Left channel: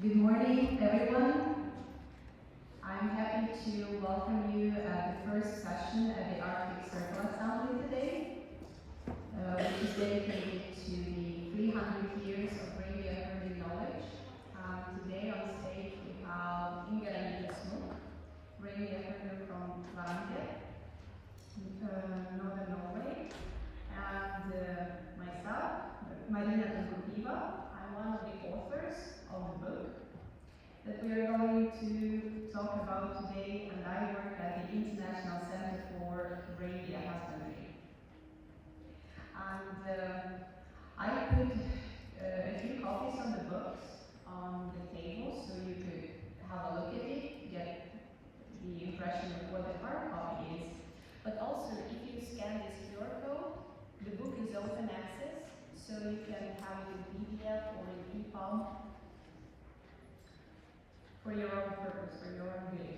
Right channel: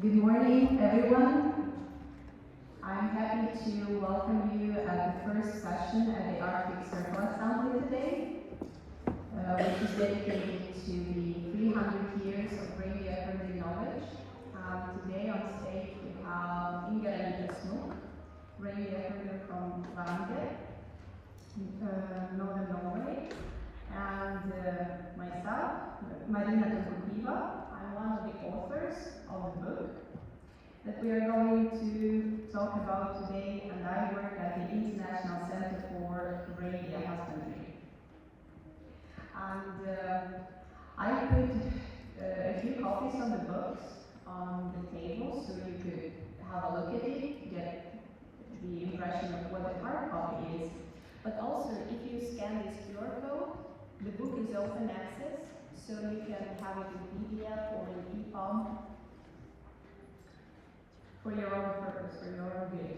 Good morning, everyone. I'm happy to welcome you at the first session at the Arctic Circle Assembly today, which is dedicated to the 300 years of reindeer herding knowledge. Today on stage we have Knud, reindeer herder from Reindeer, northern Norway, and myself, Marina. I'm one of the authors of the book that we are going to talk about today, and I work at the International Center for Reindeer Husbandry. And I put a few copies of the books on the table so you could have a look at it, get the impression of what the hard copy is. But also, if you scan this QR code, the book is open access, so you can have it in PDF or in EPUB for your own purpose, for your own good.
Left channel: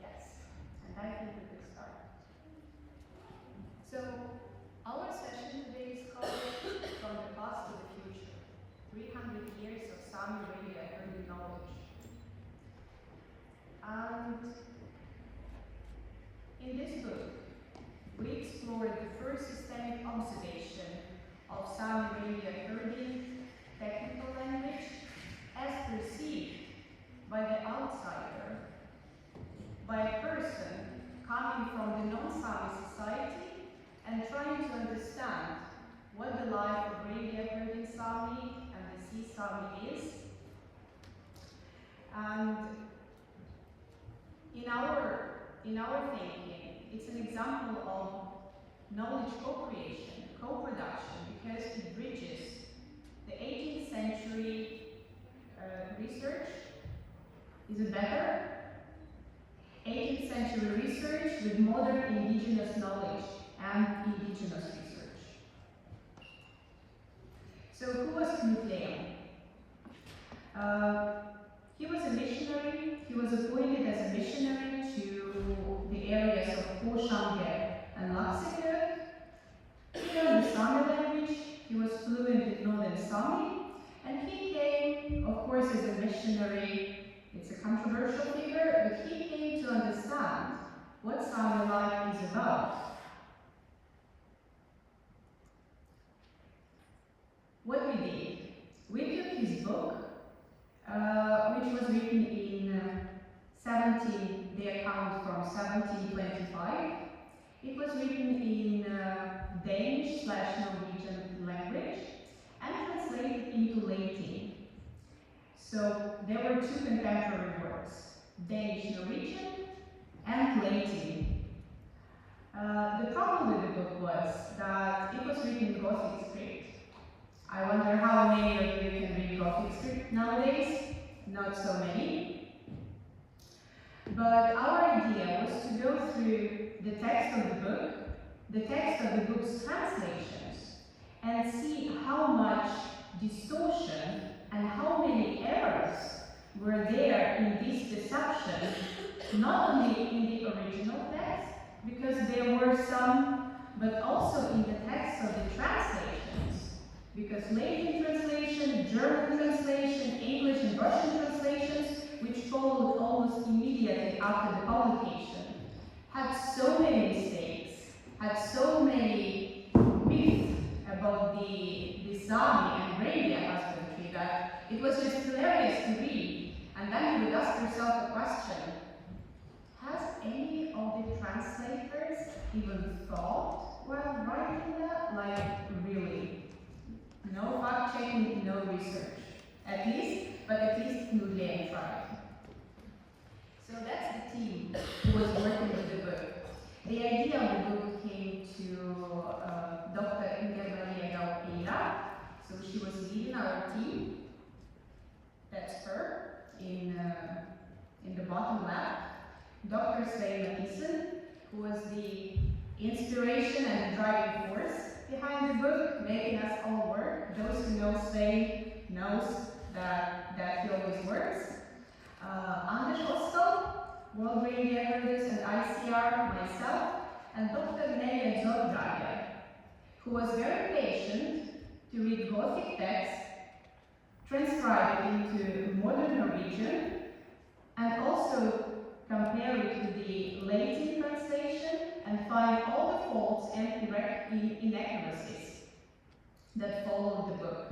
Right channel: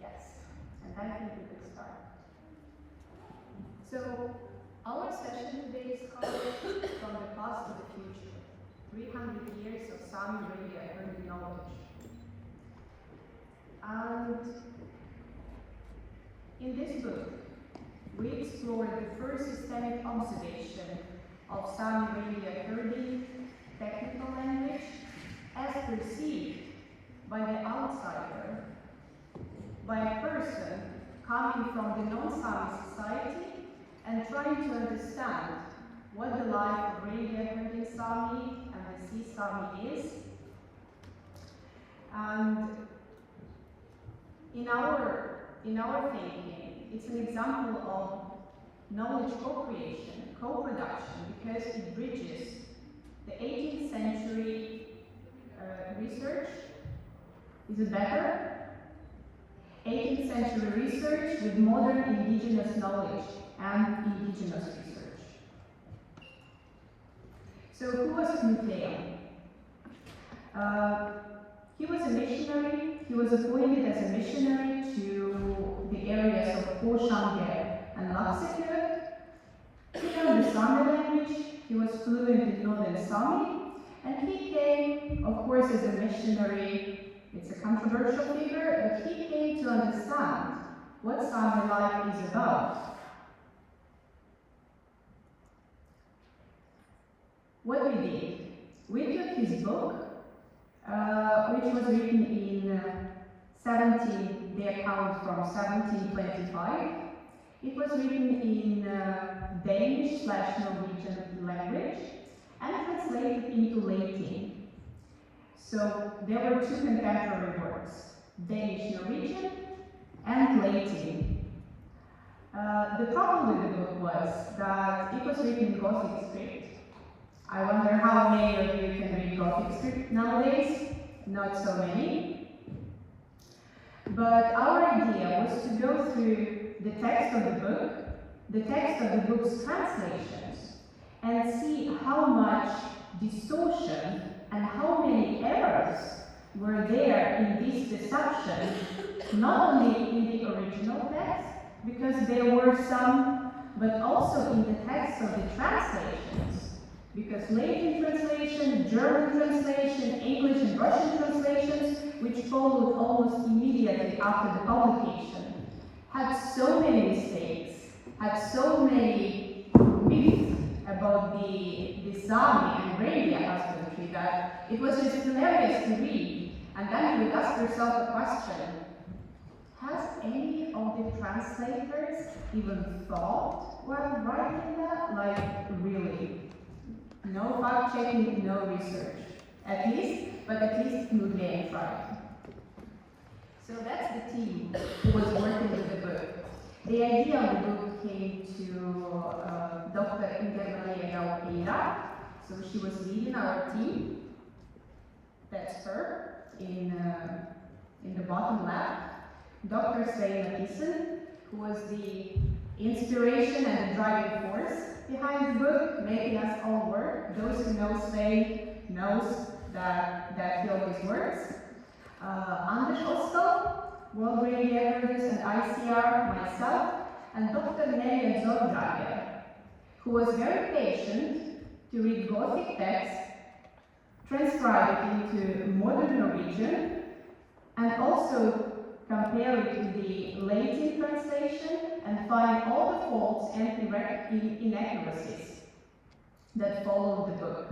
Yes, and I think we could start. So, our session today is called From the Past to the Future, 300 Years of Sámi Reindeer Herding Knowledge. And in this book, we explore the first systemic observation of Sámi reindeer herding technical language as perceived by the outsider, by a person coming from the non-Sámi society and trying to understand what the life of reindeer herding Sámi and the sea Sámi is. And in our thinking, it's an example of knowledge co-creation, co-production, because it bridges the 18th century research. Is it better? 18th century research with modern indigenous knowledge and indigenous research. So who was Knud Leem? He was a missionary. He was appointed as a missionary to the areas of Reindeer and Laxikö. He learned the Sámi language. He was fluent in Northern Sámi, and he came, of course, as a missionary. It's a controversial figure, but he came to understand what Sámi life is about. What we did, we took his book, which was written in the account from 1725. It was written in Danish/Norwegian language and translated into Latin. So there were two contemporary words, Danish-Norwegian and Latin. The problem with the book was that it was written in Gothic script. I wonder how many of you can read Gothic script nowadays? Not so many. But our idea was to go through the text of the book, the text of the book's translations, and see how much distortion and how many errors were there in this deception, not only in the original text, because there were some, but also in the text of the translations. Because Latin translation, German translation, English and Russian translations, which followed almost immediately after the publication, had so many mistakes, had so many myths about the Sámi and reindeer husbandry that it was just hilarious to read. And then you would ask yourself a question: has any of the translators even thought while writing that? Like, really? No fact-checking, no research. At least Knud Leem tried. So that's the team who was working with the book. The idea of the book came to Dr. So she was leading our team. That's her in the bottom left. Dr. Sámi, who was the inspiration and the driving force behind the book, making us all work. Those who know Sámi knows that he always works. Anders Oskal, World Reindeer Herders and ICR, myself, and Dr. Nelja Zordager, who was very patient to read Gothic texts, transcribe it into modern Norwegian, and also compare it with the Latin translation and find all the faults and inaccuracies that followed the book.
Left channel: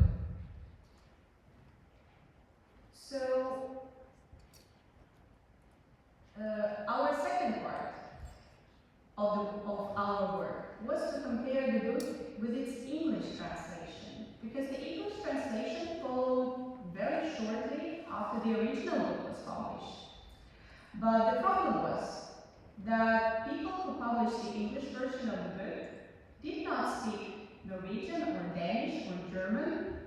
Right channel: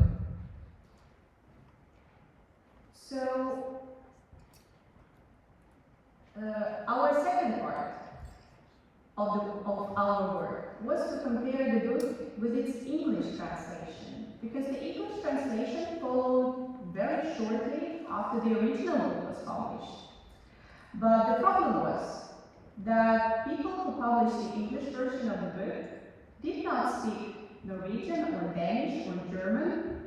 So, our second part of our work was to compare the book with its English translation, because the English translation followed very shortly after the original book was published. But the problem was that people who published the English version of the book did not speak Norwegian or Danish or German.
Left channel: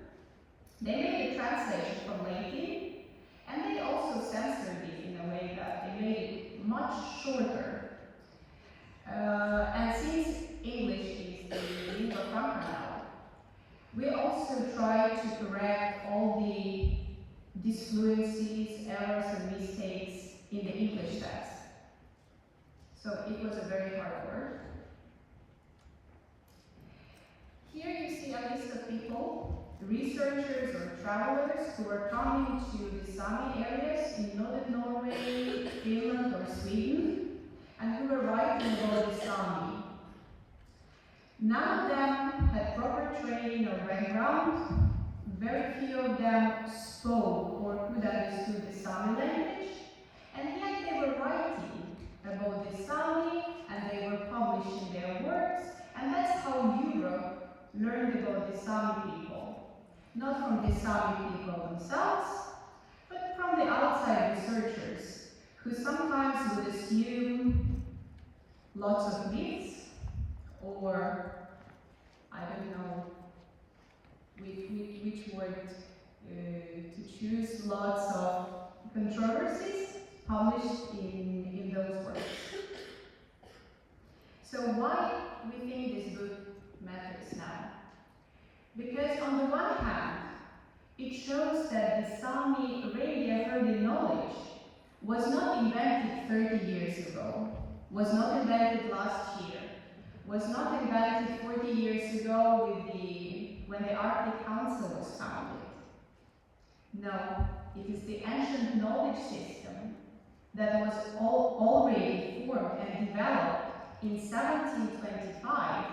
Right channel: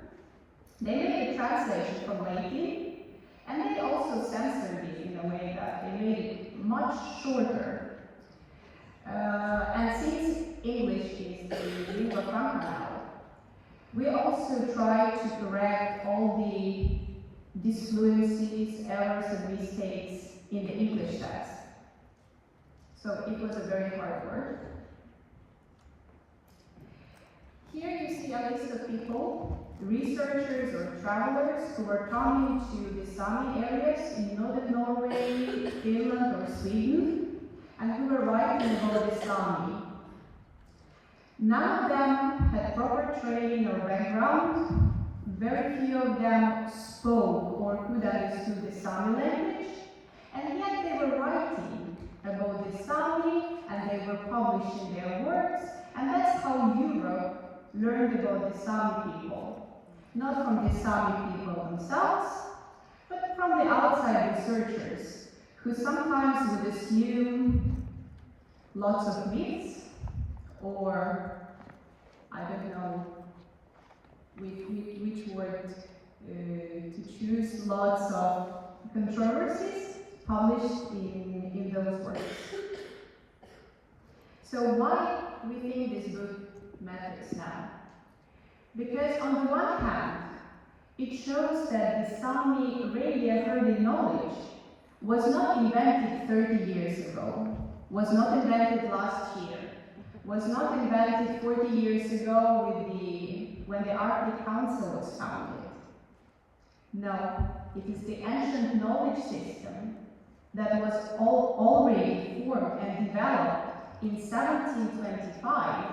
They made a translation from Latin, and they also censored it in a way that they made it much shorter. And since English is the lingua franca now, we also try to correct all the disfluencies, errors, and mistakes in the English text. So it was a very hard work. Here you see a list of people, researchers or travelers who were coming to the Sámi areas in northern Norway, Finland, or Sweden, and who were writing about the Sámi. None of them had proper training or background. Very few of them spoke or could understand the Sámi language, and yet they were writing about the Sámi and they were publishing their works, and that's how Europe learned about the Sámi people. Not from the Sámi people themselves, but from the outside researchers, who sometimes would assume lots of myths, or I don't know which word to choose, lots of controversies published in those works. So why we think this book matters now? Because on the one hand, it shows that the Sámi reindeer herding knowledge was not invented 30 years ago, was not invented last year, was not invented 40 years ago when the Arctic Council was founded. No, it is the ancient knowledge system that was already formed and developed in 1725,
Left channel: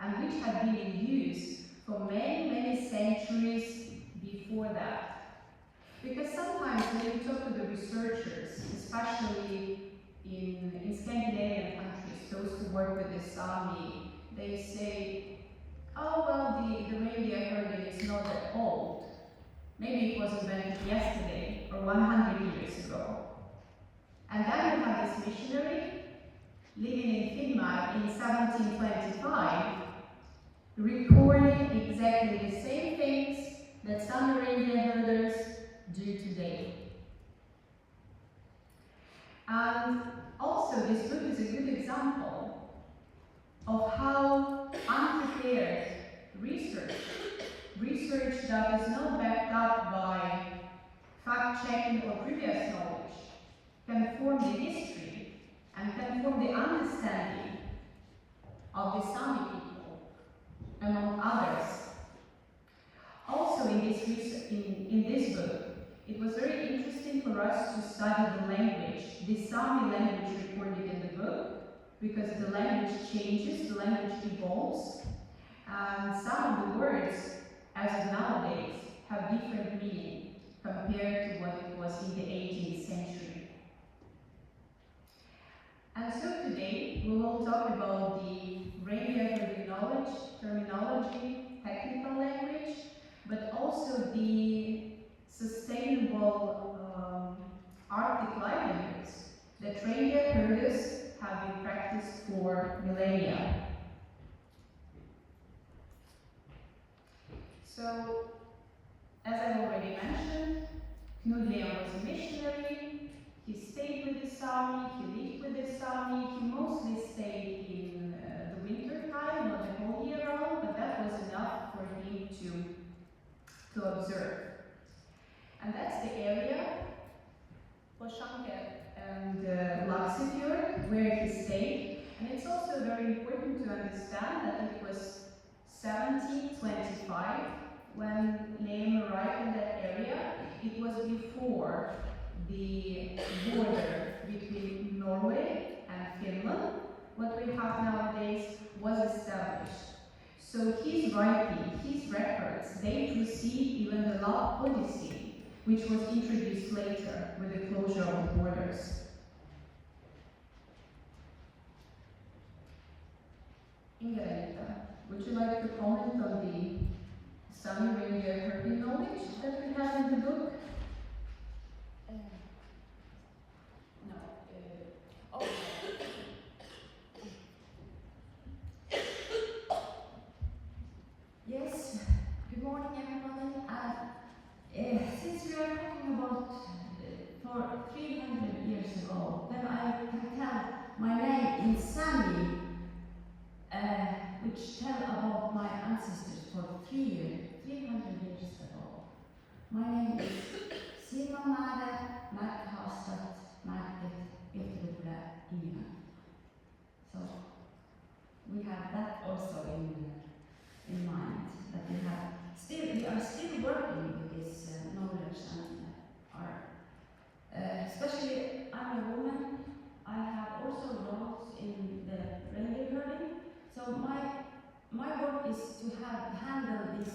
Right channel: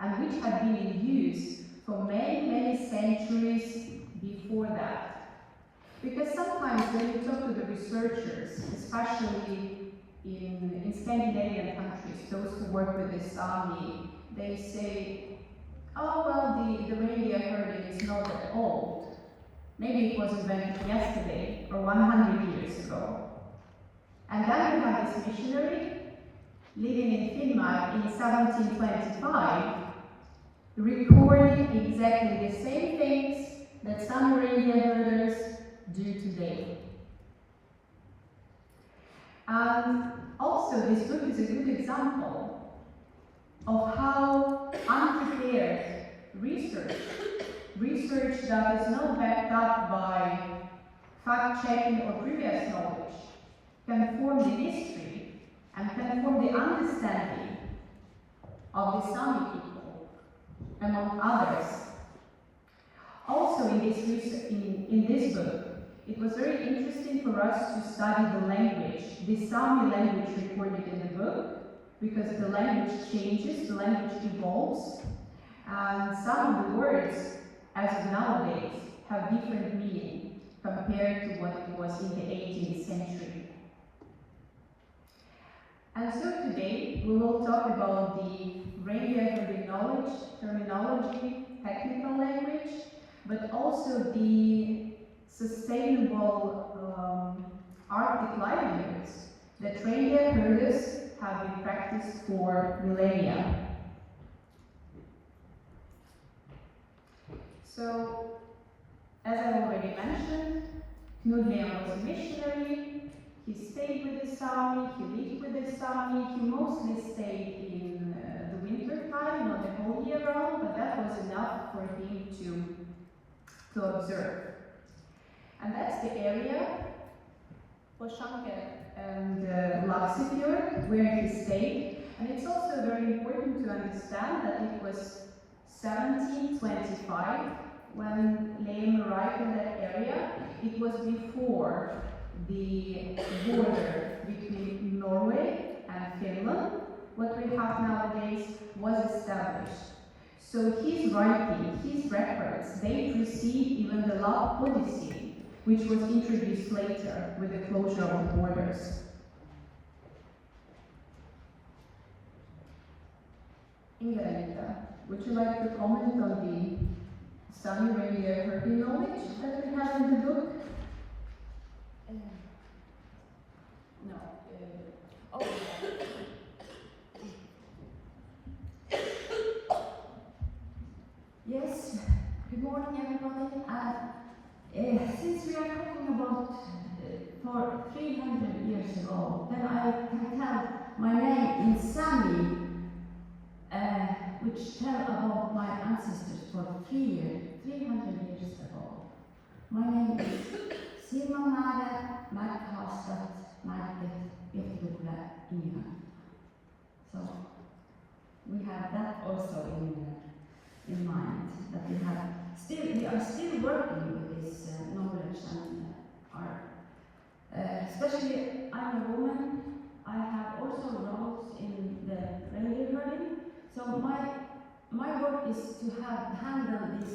and which had been in use for many, many centuries before that. Because sometimes when you talk to the researchers, especially in Scandinavian countries, those who work with the Sámi, they say, oh well, the reindeer herding is not that old. Maybe it was invented yesterday or 100 years ago. And then we have this missionary living in Finnmark in 1725, recording exactly the same things that some reindeer herders do today. And also, this book is a good example of how unprepared research that is not backed up by fact-checking or previous knowledge, can form the history and can form the understanding of the Sámi people, among others. Also in this book, it was very interesting for us to study the language, the Sámi language recorded in the book, because the language changes, the language evolves, and some of the words, as of nowadays, have different meaning compared to what it was in the 18th century. And so today we will talk about the reindeer herding knowledge, terminology, technical language, but also the sustainable Arctic livelihoods that reindeer herders have been practiced for millennia. So, as I already mentioned, Knud Leem was a missionary. He stayed with the Sámi, he lived with the Sámi. He mostly stayed in the winter time, not the whole year round, but that was enough for him to observe. And that's the area, Poshanke and Laksefjord, where he stayed. And it's also very important to understand that it was 1725 when Leem arrived in that area. It was before the border between Norway and Finland, what we have nowadays, was established. So his writing, his records, they precede even the Law Odyssey, which was introduced later with the closure of the borders. Inga, would you like to comment on the Sámi reindeer herding knowledge that we have in the book? No. Oh. Yes, good morning everybody. Since we are talking about for 300 years ago, then I can tell my name in Sámi, which tell about my ancestors for 300 years ago. My name is Silmamäärä Märkhaastat Märket Virtruple Indigenous. So we have that also in mind, that we are still working with this knowledge and especially I'm a woman. I have also roles in the reindeer herding. So my work is to handle this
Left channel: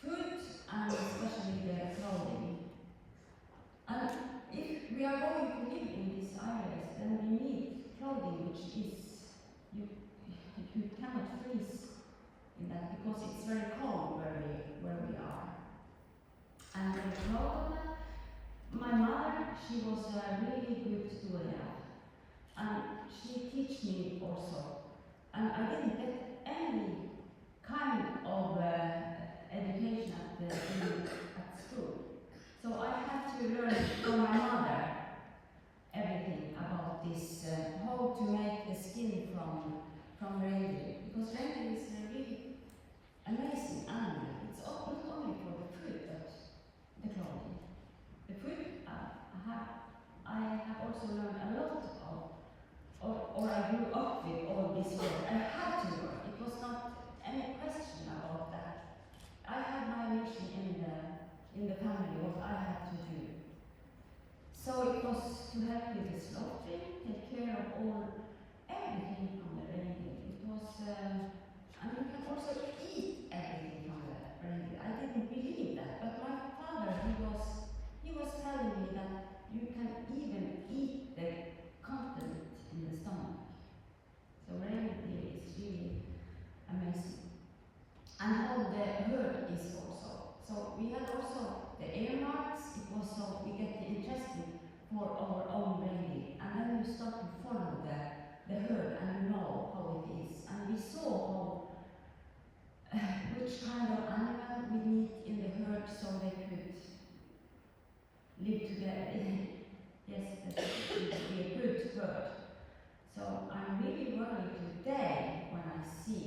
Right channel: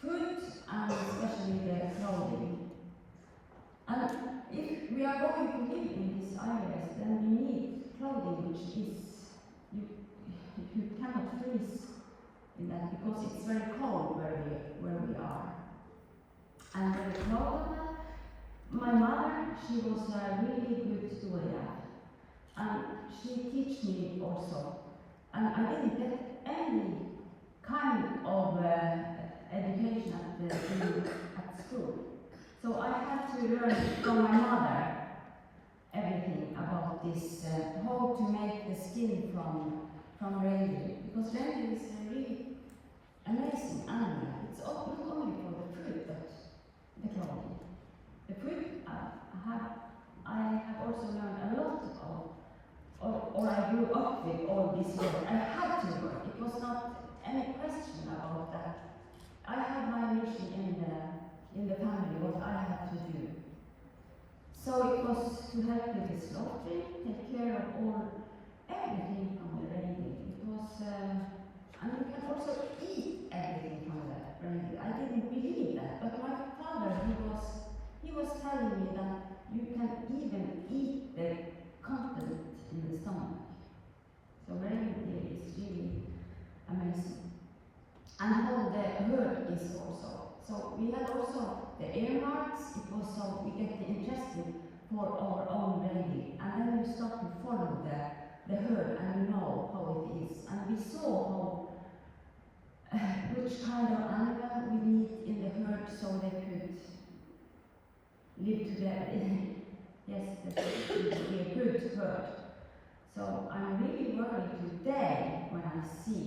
food and especially the clothing. And if we are going to live in these areas, then we need clothing which is, you cannot freeze in that because it's very cold where we are. And very proud of that. My mother, she was a really good doula, and she teach me also. And I didn't get any kind of education at school. So I had to learn from my mother everything about this, how to make the skin from reindeer. Because reindeer is a really amazing animal. It's not only for the food, but the clothing. The food, I have also learned a lot of, or I grew up with all this work. I had to work. It was not any question about that. I had my mission in the family, what I had to do. So it was to help with the slaughtering, take care of everything from the reindeer. It was, and you can also eat everything from the reindeer. I didn't believe that, but my father, he was telling me that you can even eat the content in the stomach. So reindeer is really amazing. And how the herd is also. So we had also the earmarks. It was so we get interested for our own reindeer. And then you start to follow the herd and you know how it is. And we saw how, which kind of animal we need in the herd so they could live together. Yes, that would be a good herd. So I'm really worried today when I see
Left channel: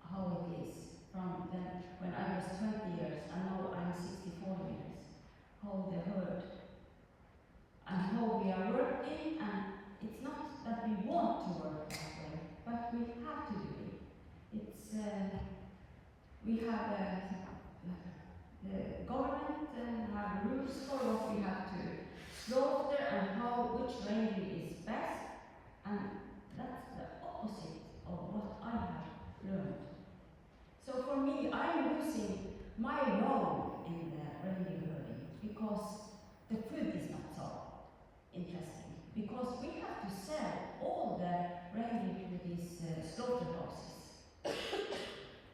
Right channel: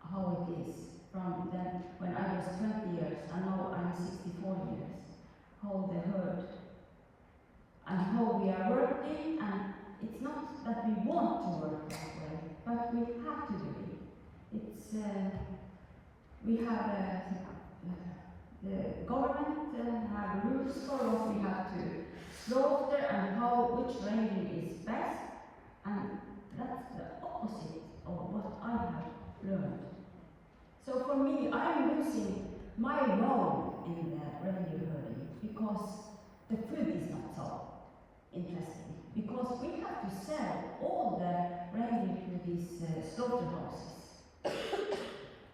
how it is from then when I was 20 years and now I'm 64 years. How the herd and how we are working, and it's not that we want to work that way, but we have to do it. It's we have the government have rules for what we have to slaughter and which reindeer is best, and that's the opposite of what I have learned. So for me, I'm losing my role in the reindeer herding because the food is not so interesting. Because we have to sell all the reindeer to these slaughterhouses.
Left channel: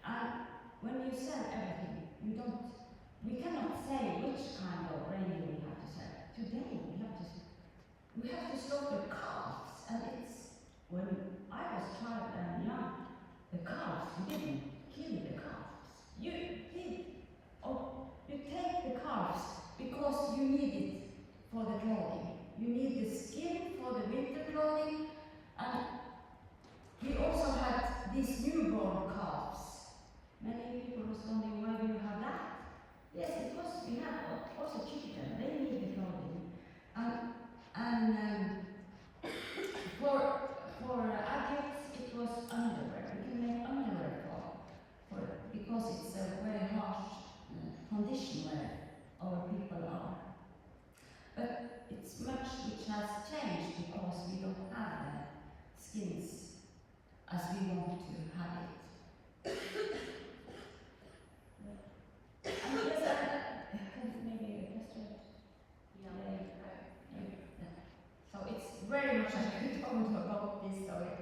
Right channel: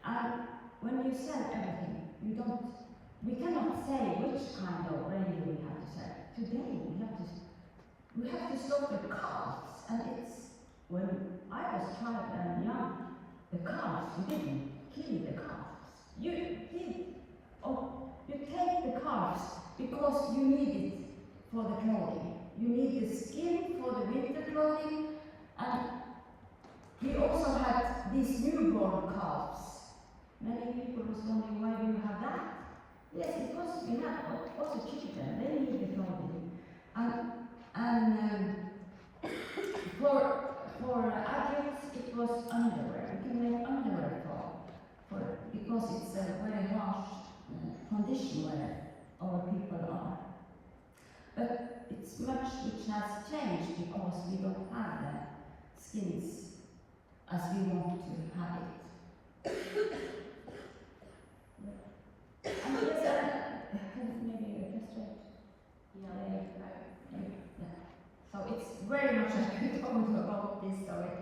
And when you sell everything, we cannot say which kind of reindeer we have to sell. Today we have to slaughter calves, and it's, when I was child and young, the calves, you didn't kill the calves. You take the calves because you need it for the clothing. You need the skin for the winter clothing, and we also had these newborn calves. Many people was wondering, why do you have that? Yes, because we have also children, they need the clothing. And for much which has changed because we don't have the skins as we want to have it. And yes, maybe just so it's very much I could talk about this story.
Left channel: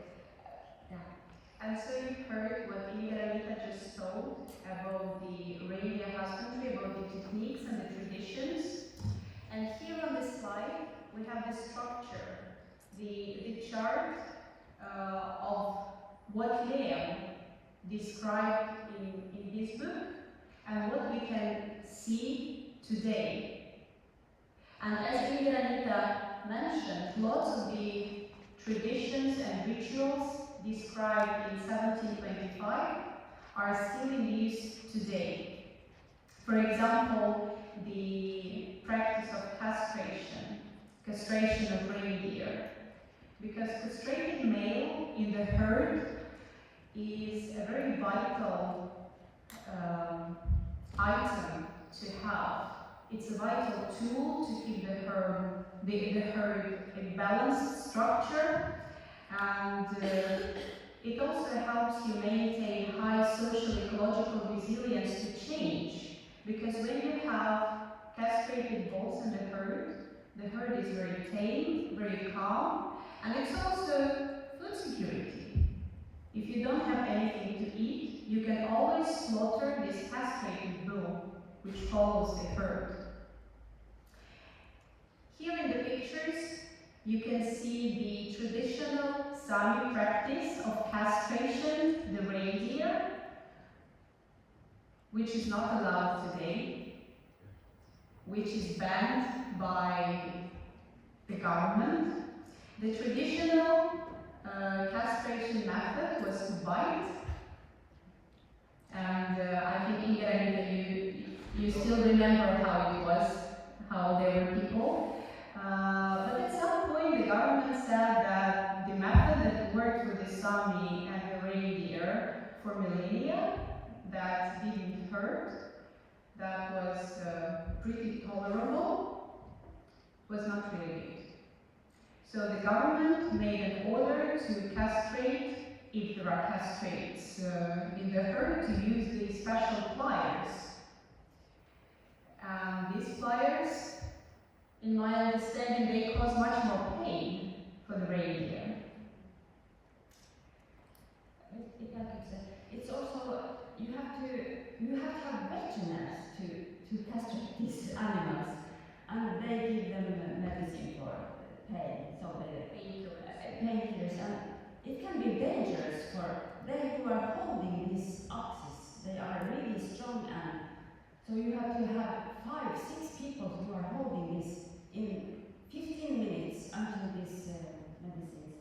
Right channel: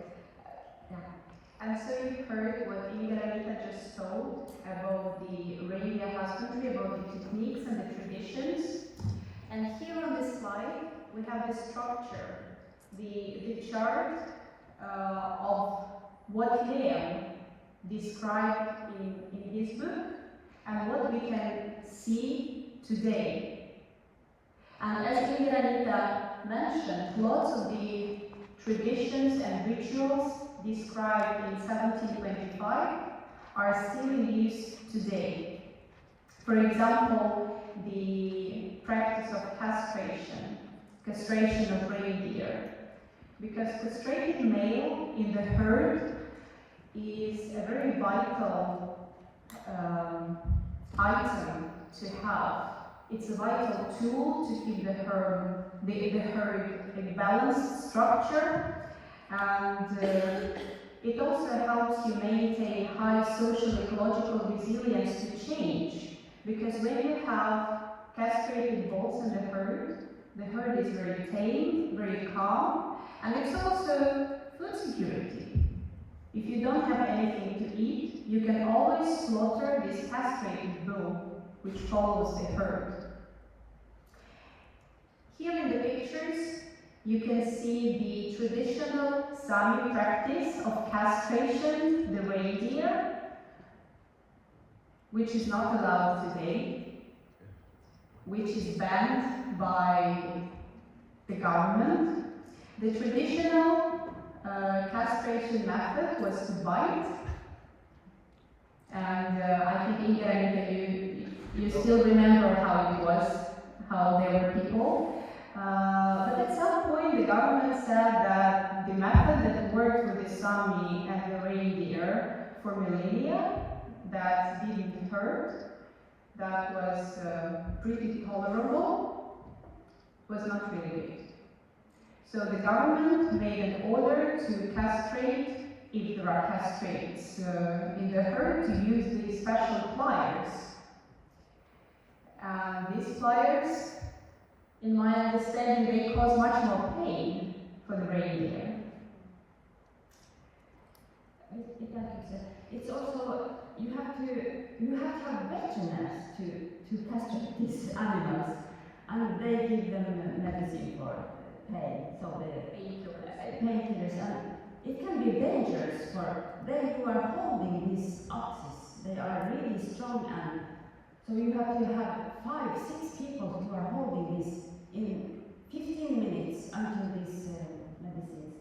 And so you heard what Inga just told about the reindeer husbandry, about the techniques and the traditions. And here on this slide, we have the structure, the chart of what Leem described in his book and what we can see today. And as Inga mentioned, lots of the traditions and rituals described in 1725 are still in use today. For example, the practice of castration of reindeer. Because castrated male in the herd is a very vital item to have. It's a vital tool to keep the herd a balanced structure, and it also helps you maintain high social ecological resilience to change, because when you have castrated bulls in the herd is very tame, very calm, and it's also food security. If you don't have anything to eat, you can always slaughter this castrated bull, which follows the herd. Here in the pictures, you can see the traditional Sámi practice of castration, the reindeer, which is not allowed today, which is banned by the government. The traditional castration method was to bite, and I think Inga, you still remember how it was, how there were people. But at some point the government said that the method that worked with the Sámi and the reindeer for millennia, that didn't hurt, that was pretty tolerable, was not really good. So the government made an order to castrate, if there are castrates in the herd, to use these special pliers. These pliers, in my understanding, they cause much more pain for the reindeer. It's also, you have to have veterinarians to castrate these animals, and they give them medicine for pain, so the painkillers, and it can be dangerous for they who are holding these oxes. They are really strong, and so you have to have 5-6 people who are holding this in 15 minutes until this medicine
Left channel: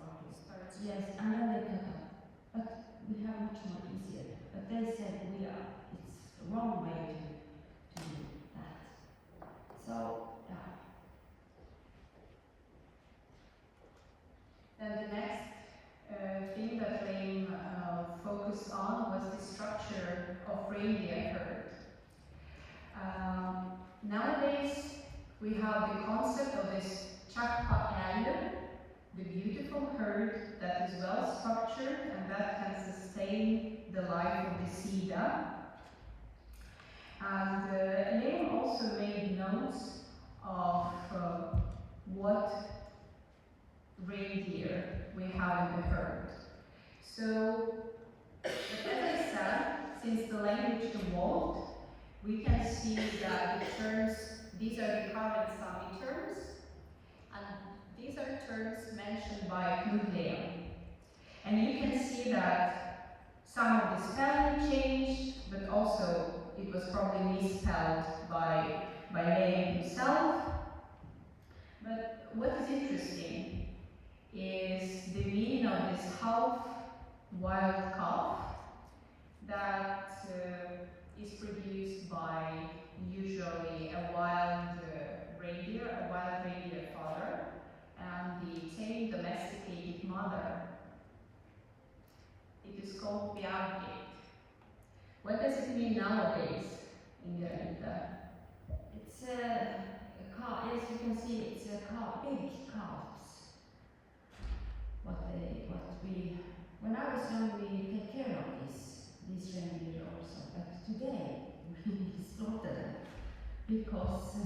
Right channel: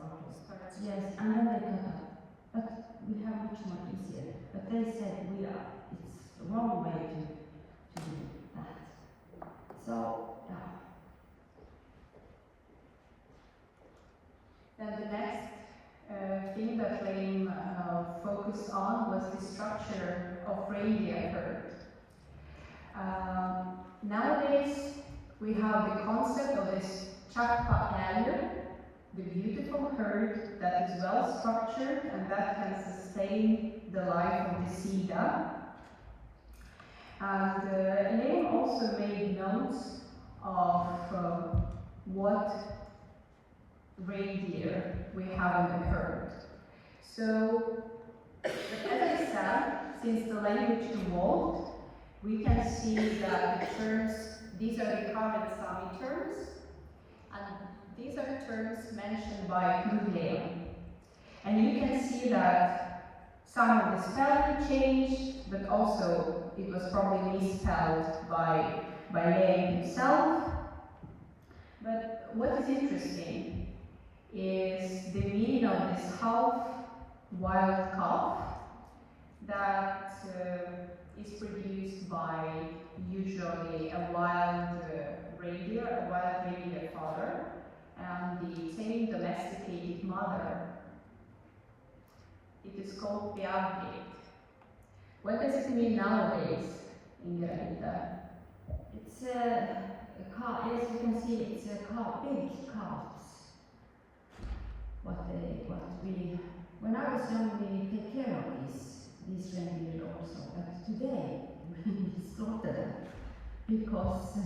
starts. Yes, and then they cut up. But we have much more easier. But they said it's the wrong way to do that. So, yeah. Then the next thing that Leem focused on was the structure of reindeer herd. Nowadays, we have the concept of this chakpa, the beautiful herd that is well structured and that can sustain the life of the Sida. And Leem also made notes of what reindeer we have in the herd. So, as I said, since the language evolved, we can see that the terms, these are the current Sámi terms, and these are terms mentioned by Knud Leem. And you can see that some of the spelling changed, but also it was probably misspelled by Leem himself. But what is interesting is the meaning of this half wild calf that is produced by usually a wild reindeer father and the tame domesticated mother. It is called Beavgate. What does it mean nowadays, Inga? It's a Yes, you can see it's a big calves. When I was young, we take care of these reindeer also. But today, we slaughter them because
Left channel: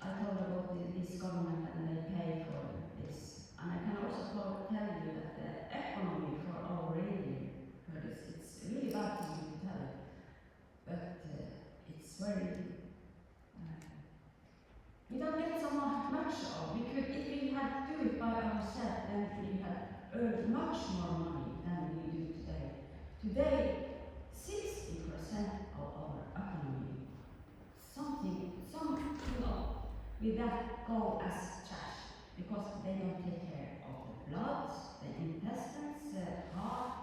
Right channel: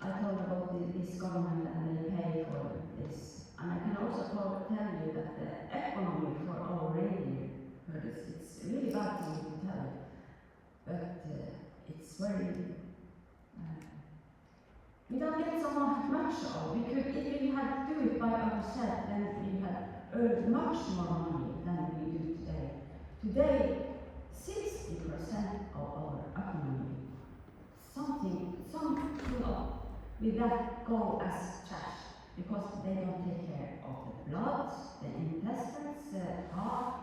I told about this government and they pay for this. And I can also tell you that the economy for our reindeer herders, it's really bad for me to tell you. But it's very, we don't get so much of. We could, if we had to do it by ourselves, then we had earned much more money than we do today. Today, 60% of our economy, some with that go as trash because they don't take care of the blood, the intestines, heart,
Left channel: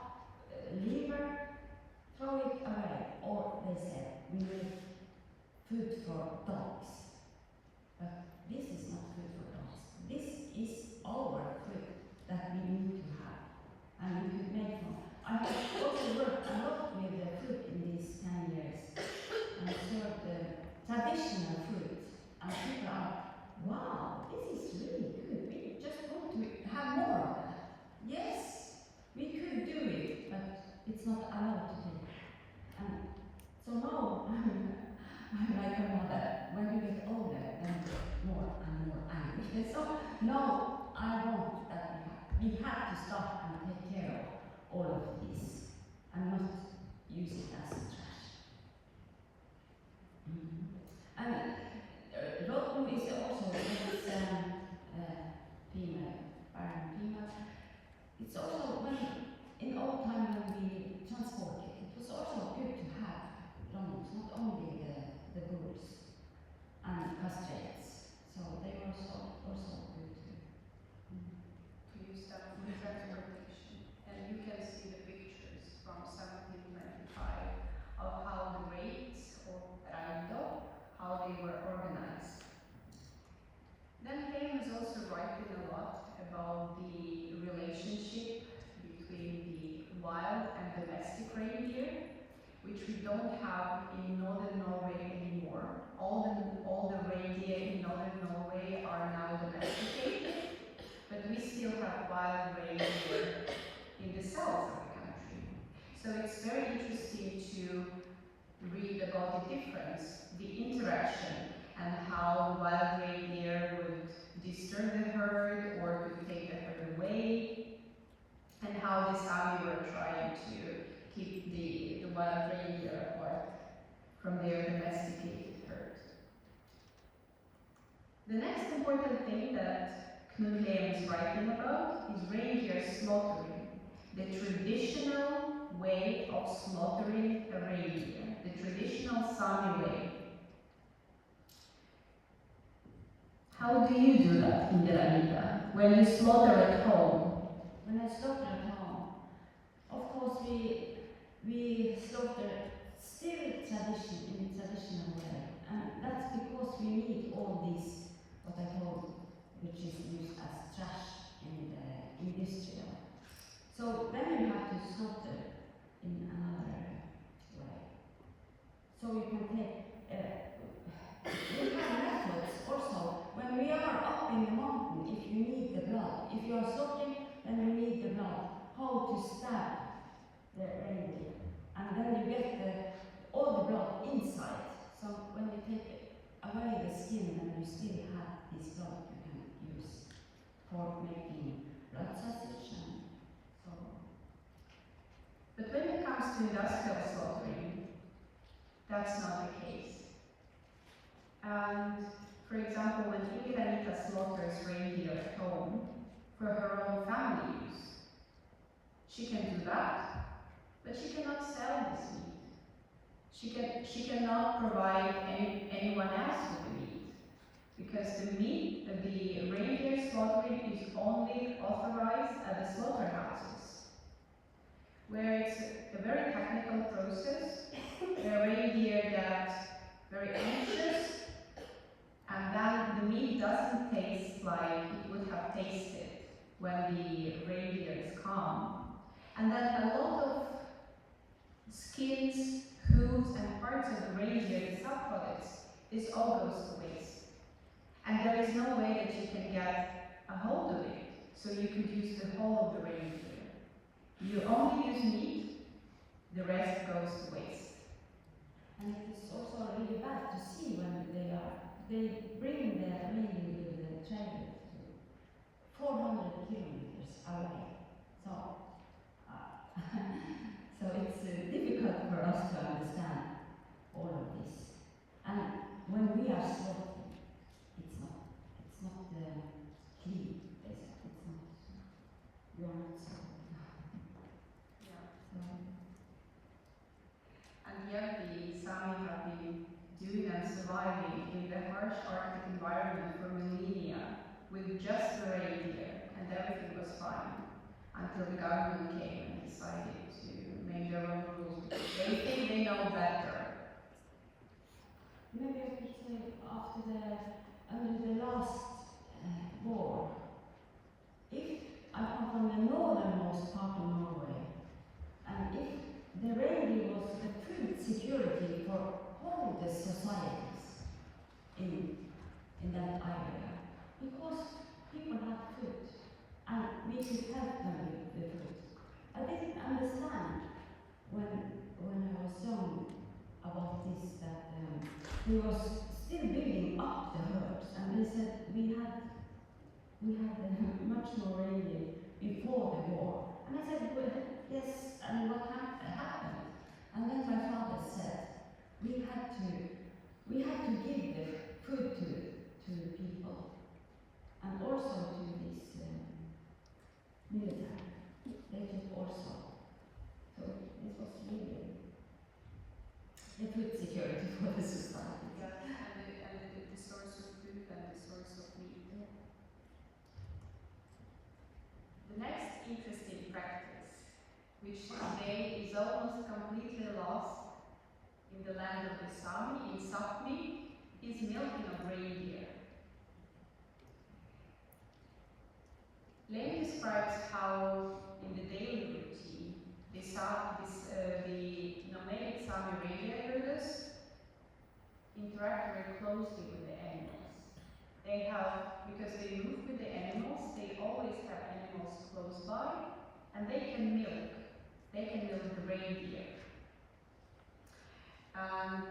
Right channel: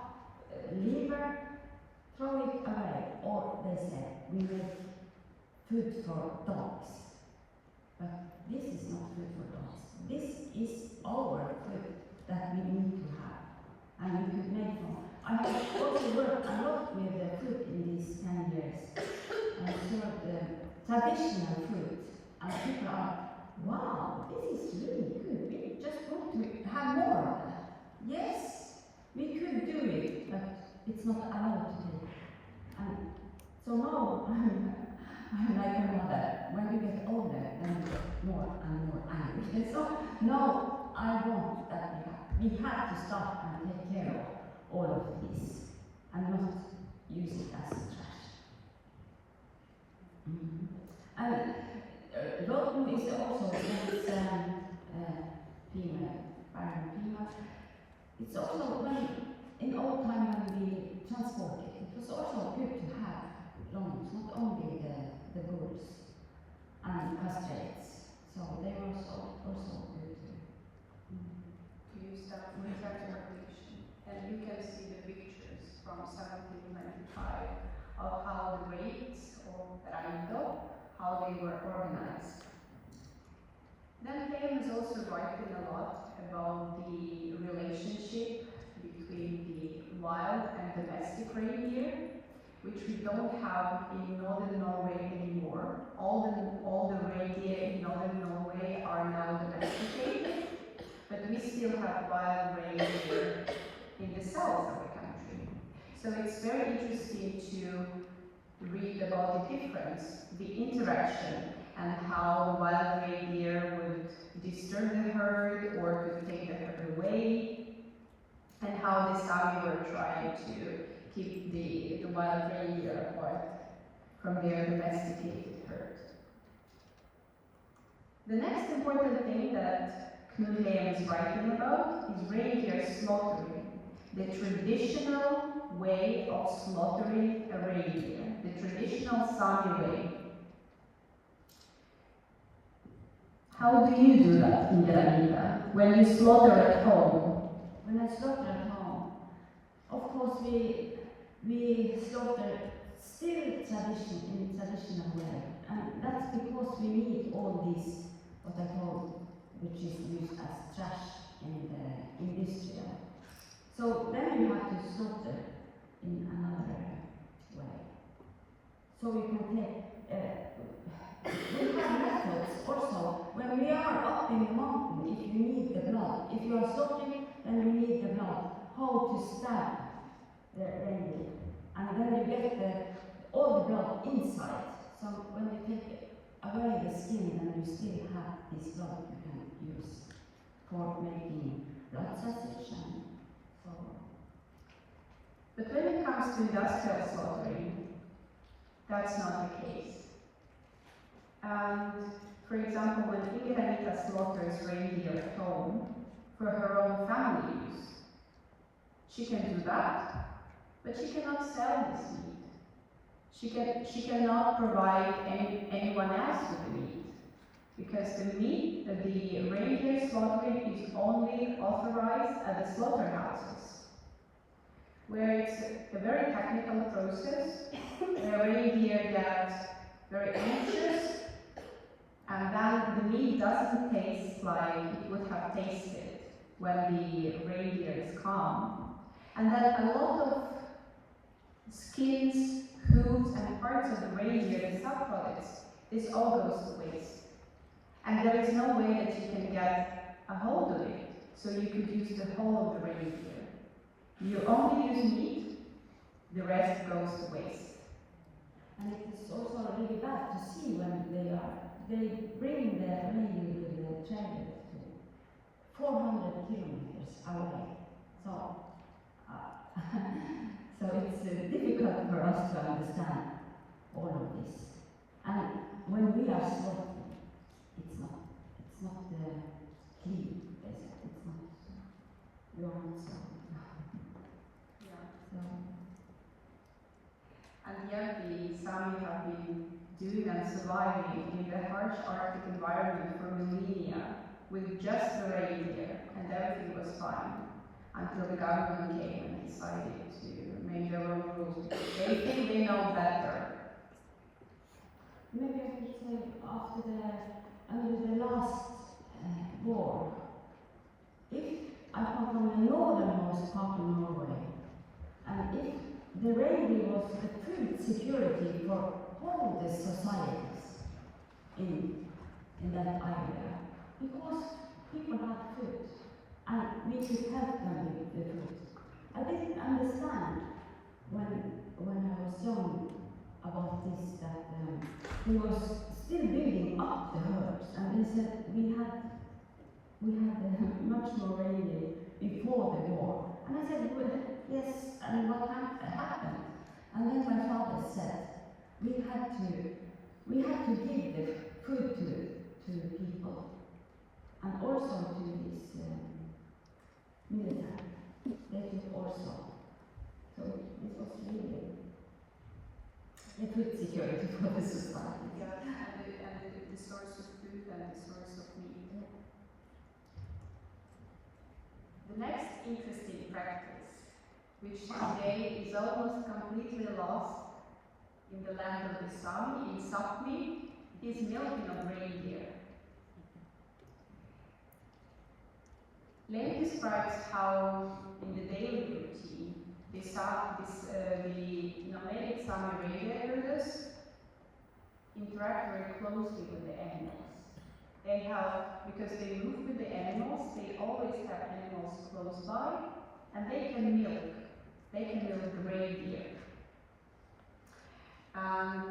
liver, throw it away, or they say we make food for dogs. But this is not food for dogs. This is our food that we need to have, and we could make from. I have also worked a lot with the food in these 10 years, and served traditional food, and people are, wow, this is really good. We just want to have more of that. Yes, we could do it, but it's not allowed to do. And so now I'm like a mother. When you get older, then you get more and more angry. And so now I want that we have to stop and take care of all of this and not use it as trash. And Rotmo is also this female, barren female. It's also when, in old time when we transported, it was also good to have Romans, not only the bulls and castrates. So they were also good to use that for transportation. And you can see the pictures from 1795 of how the raids of Reindeer, how they were organized. Then Leem is also writing a lot about the relationship between the wild and domestic reindeer, which we don't have in northern Norway anymore. All the reindeer in northern Norway are now domesticated, but we still have wild reindeer in the south of the country. So it's very interesting to read about the difference, the interaction, and how the wild reindeer would disturb the herd or could take the herd away, and how the Sámi were trying to keep the wild reindeer apart from their domesticated herd. The next important thing that Knud Leem is writing about is reindeer slaughtering, the traditional way of slaughtering a reindeer, the traditional Sámi way. How do you do that in Indigenous when you slaughter at home? When I slaughter at home, of course we slaughter still in a traditional way, and that's because we need all these, what I told, which is used as trash in the industrial. So then you have to slaughter in another way. So we can take, we have methods also. When we are up in the mountain, if you need the blood, if you are slaughtering, then you need the blood. How to stab the reindeer. And then you get all the blood inside. So when you take away the skin, then you still have this blood you can use for making blood sausage and so on. But when it comes to industrial slaughtering, that's not the case. And for example, when Indigenous slaughters reindeer at home for her own family use, she can do that, but she cannot sell this meat. She cannot provide anyone else with the meat, because the meat, the reindeer slaughtering is only authorized at the slaughterhouses, where it's a very technical process, where reindeer get very anxious, and then the meat doesn't taste like it would have tasted when the reindeer is calm. And then a lot of skins, hooves, and parts of the reindeer, the subproducts, this all goes to waste. And there is no way that you can get a hold of it, so you could use the whole of the reindeer. You only use meat, the rest goes to waste. And it is also really bad to see when they bring the reindeer with the trailer to 400 kilometers away. So, so it's difficult for us to understand all of this. And when we are slaughtering, it's not clean, basically. It's not, we are not slaughtering. Yeah. So, And yet the Sámi have been doing and surviving in the harsh Arctic environment for millennia with just the reindeer, and everything was fine until the government came and decided to make their own rules because they think they know better. maybe I could say under the last war, if I come from the northernmost part of Norway, and if the reindeer was the food security for all the societies in that area, because people had food, and we could help them with the food. I didn't understand when I was young about this, that he was still building up the herds, and they said we had much more reindeer before the war. And I said, well, yes, and what happened? And then my father said, we had to give the food to the people, and also to this military. They took also. So this was really a food security for the society. Yeah, and the source of food and the source of meat. The next interesting practice, which today is almost completely lost in the land of the Sámi, in Sápmi, is milking of reindeer. Leem describes how, in the daily routine, the nomadic Sámi reindeer herders interact very closely with the animals. They have, because they move with the animals, they always have animals close by, and they can milk. They can milk the reindeer. And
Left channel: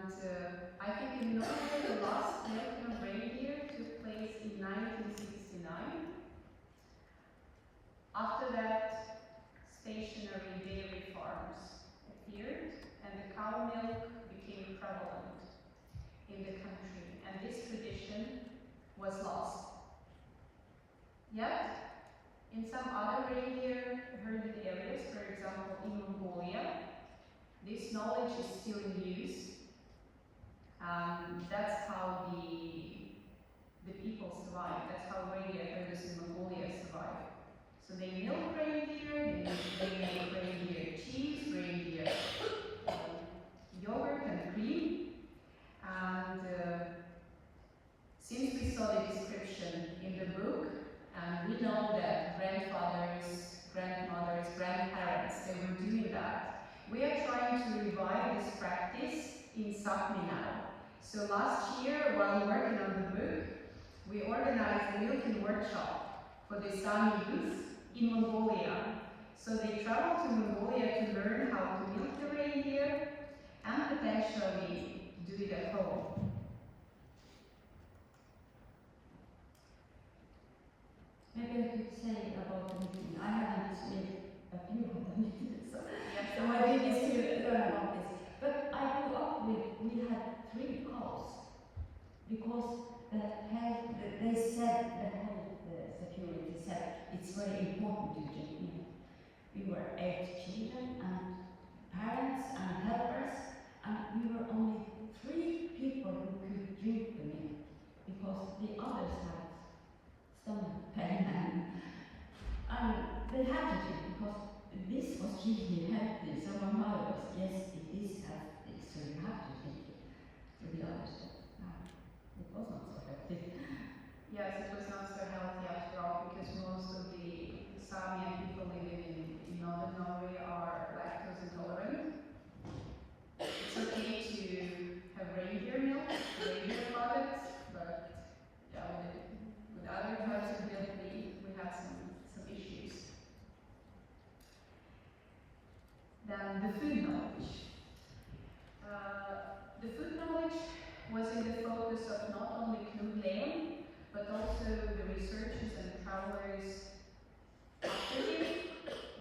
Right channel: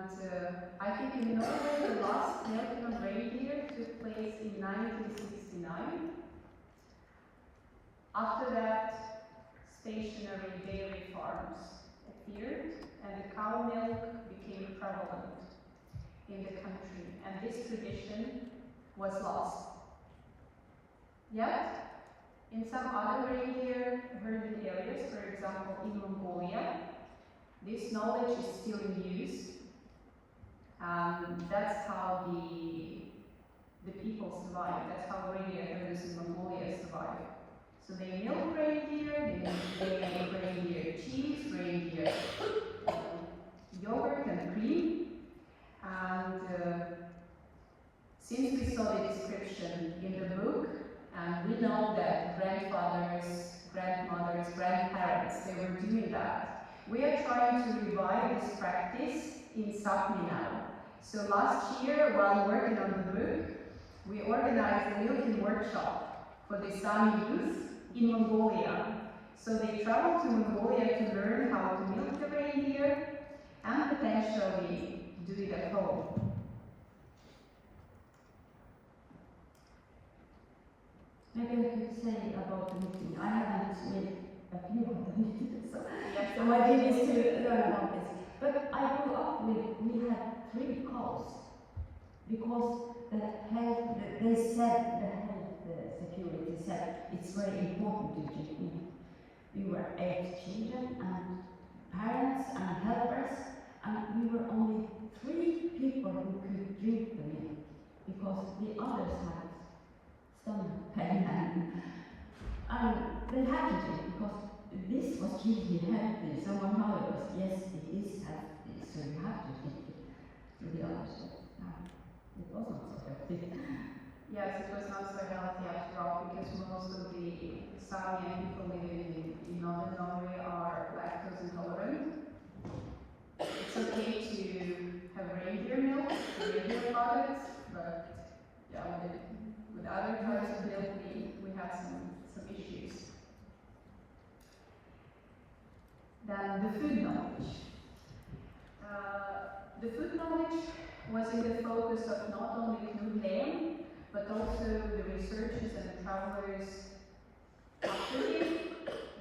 I think in Norway the last milking of reindeer took place in 1969. After that, stationary dairy farms appeared, and the cow milk became prevalent in the country, and this tradition was lost. Yet, in some other reindeer herded areas, for example in Mongolia, this knowledge is still in use, and that's how the people survive. That's how reindeer herders in Mongolia survive. So they milk reindeer, they make reindeer cheese, reindeer yogurt and cream, and since we saw the description in the book, and we know that grandfathers, grandmothers, grandparents, they were doing that, we are trying to revive this practice in Sápmi now. So last year, while working on the book, we organized a milking workshop for the Sámi youth in Mongolia. So they traveled to Mongolia to learn how to milk the reindeer and potentially do it at home. Maybe I could say about the meeting. I haven't made a few of them, so Yes. my dream is to learn about this. But I grew up with, we had 3 cows, because the security said it's very important to drink milk. We were 8 children and parents and helpers, and we were only 3 people who could drink the milk, because the others had stomach pain, and they had to drink because this was really healthy. So my mother was, yes, it is healthy, so you have to drink it. To the others, it was not so healthy. Yes, it was not so healthy after all, because most of the Sámi people living in northern Norway are lactose intolerant. It's okay to have reindeer milk, reindeer have some issues. Then the food knowledge. The food knowledge was in the focus of not only Knud Leem, but also the researchers and the travelers after him,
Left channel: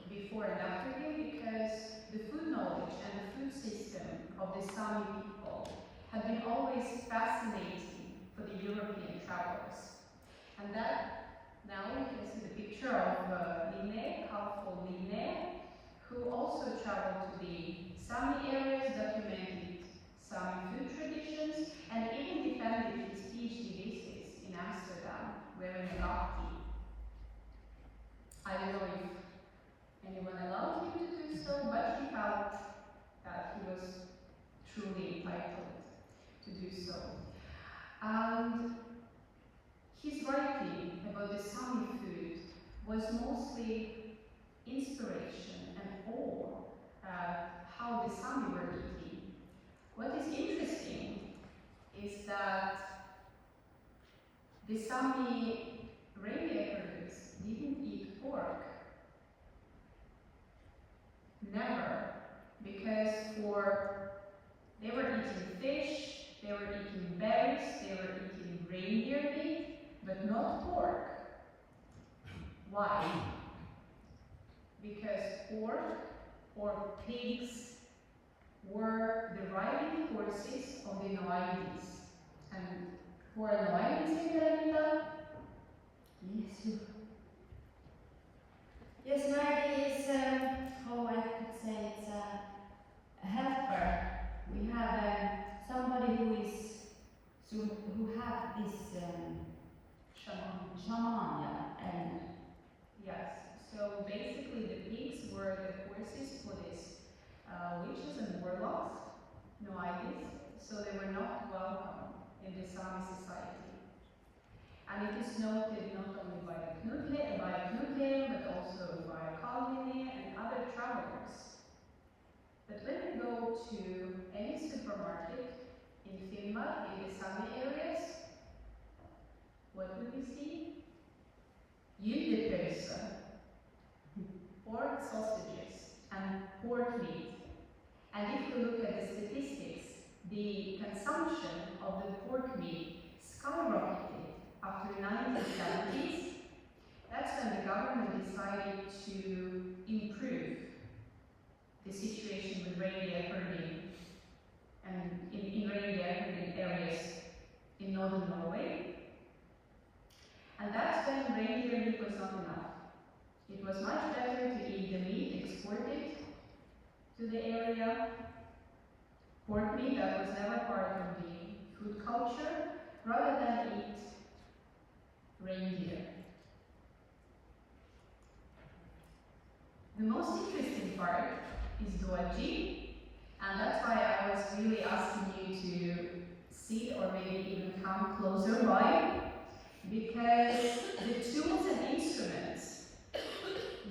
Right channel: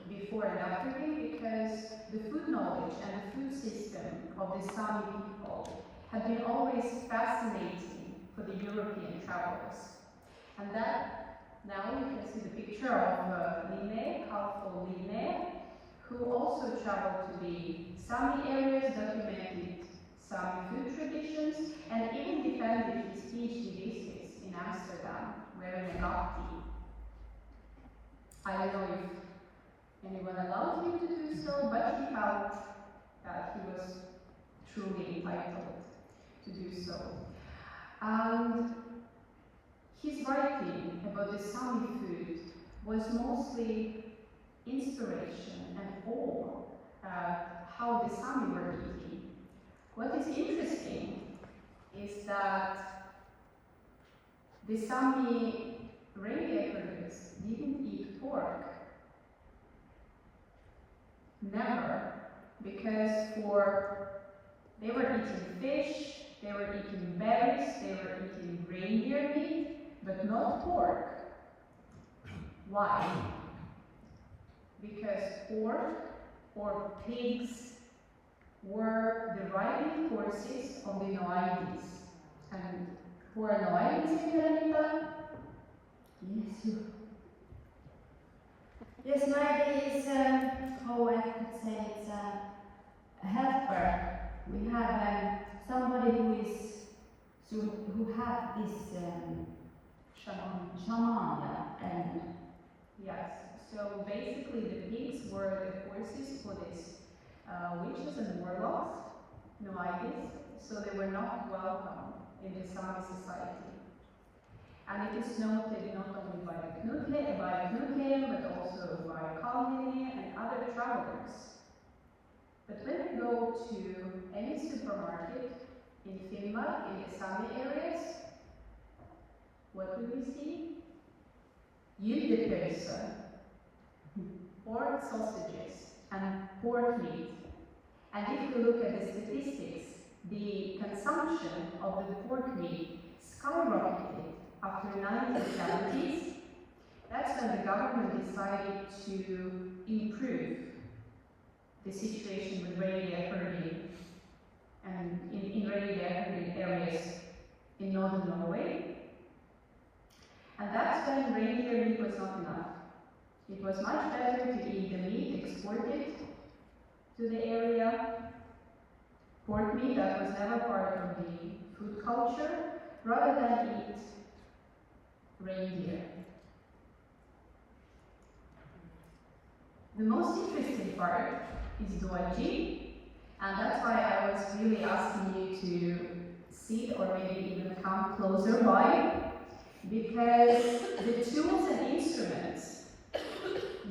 before and after him, because the food knowledge and the food system of the Sámi people had been always fascinating for the European travelers. And that, now you can see the picture of Line, Kalfo Line, who also traveled to the Sámi areas, documented Sámi food traditions, and even defended his PhD thesis in Amsterdam, wearing a gafti. I don't know if anyone allowed him to do so, but he felt that he was truly entitled to do so. And his writing about the Sámi food was mostly inspiration and awe at how the Sámi were eating. What is interesting is that the Sámi reindeer herders didn't eat pork. Never. Because they were eating fish, they were eating berries, they were eating reindeer meat, but not pork. Why? Because pork or pigs were the riding horses of the Noaidis. And who are Noaidis, Karanita? Yes, you. Yes, Noaidi is, how I could say, it's a helper. We have somebody who have this shaman, yeah, and yes. So basically, the pigs were the horses for these witches and warlocks, Noaidis. So they were not welcome in the Sámi society. And it is noted not only by Knud Leem, but also by Kalmini and other travelers. But when we go to any supermarket in Finnmark, in the Sámi areas, what do we see? Gyldepölse, pork sausages, and pork meat. And if we look at the statistics, the consumption of the pork meat skyrocketed after the 1970s. That's when the government decided to improve the situation with reindeer herding and in reindeer herding areas in northern Norway. And that's when reindeer meat was not enough. It was much better to eat the meat exported to the area, pork meat that was never part of the food culture, rather than eat reindeer. The most interesting part is Doji, and that's why I was really asking you to sit or maybe even come closer by, because the tools and instruments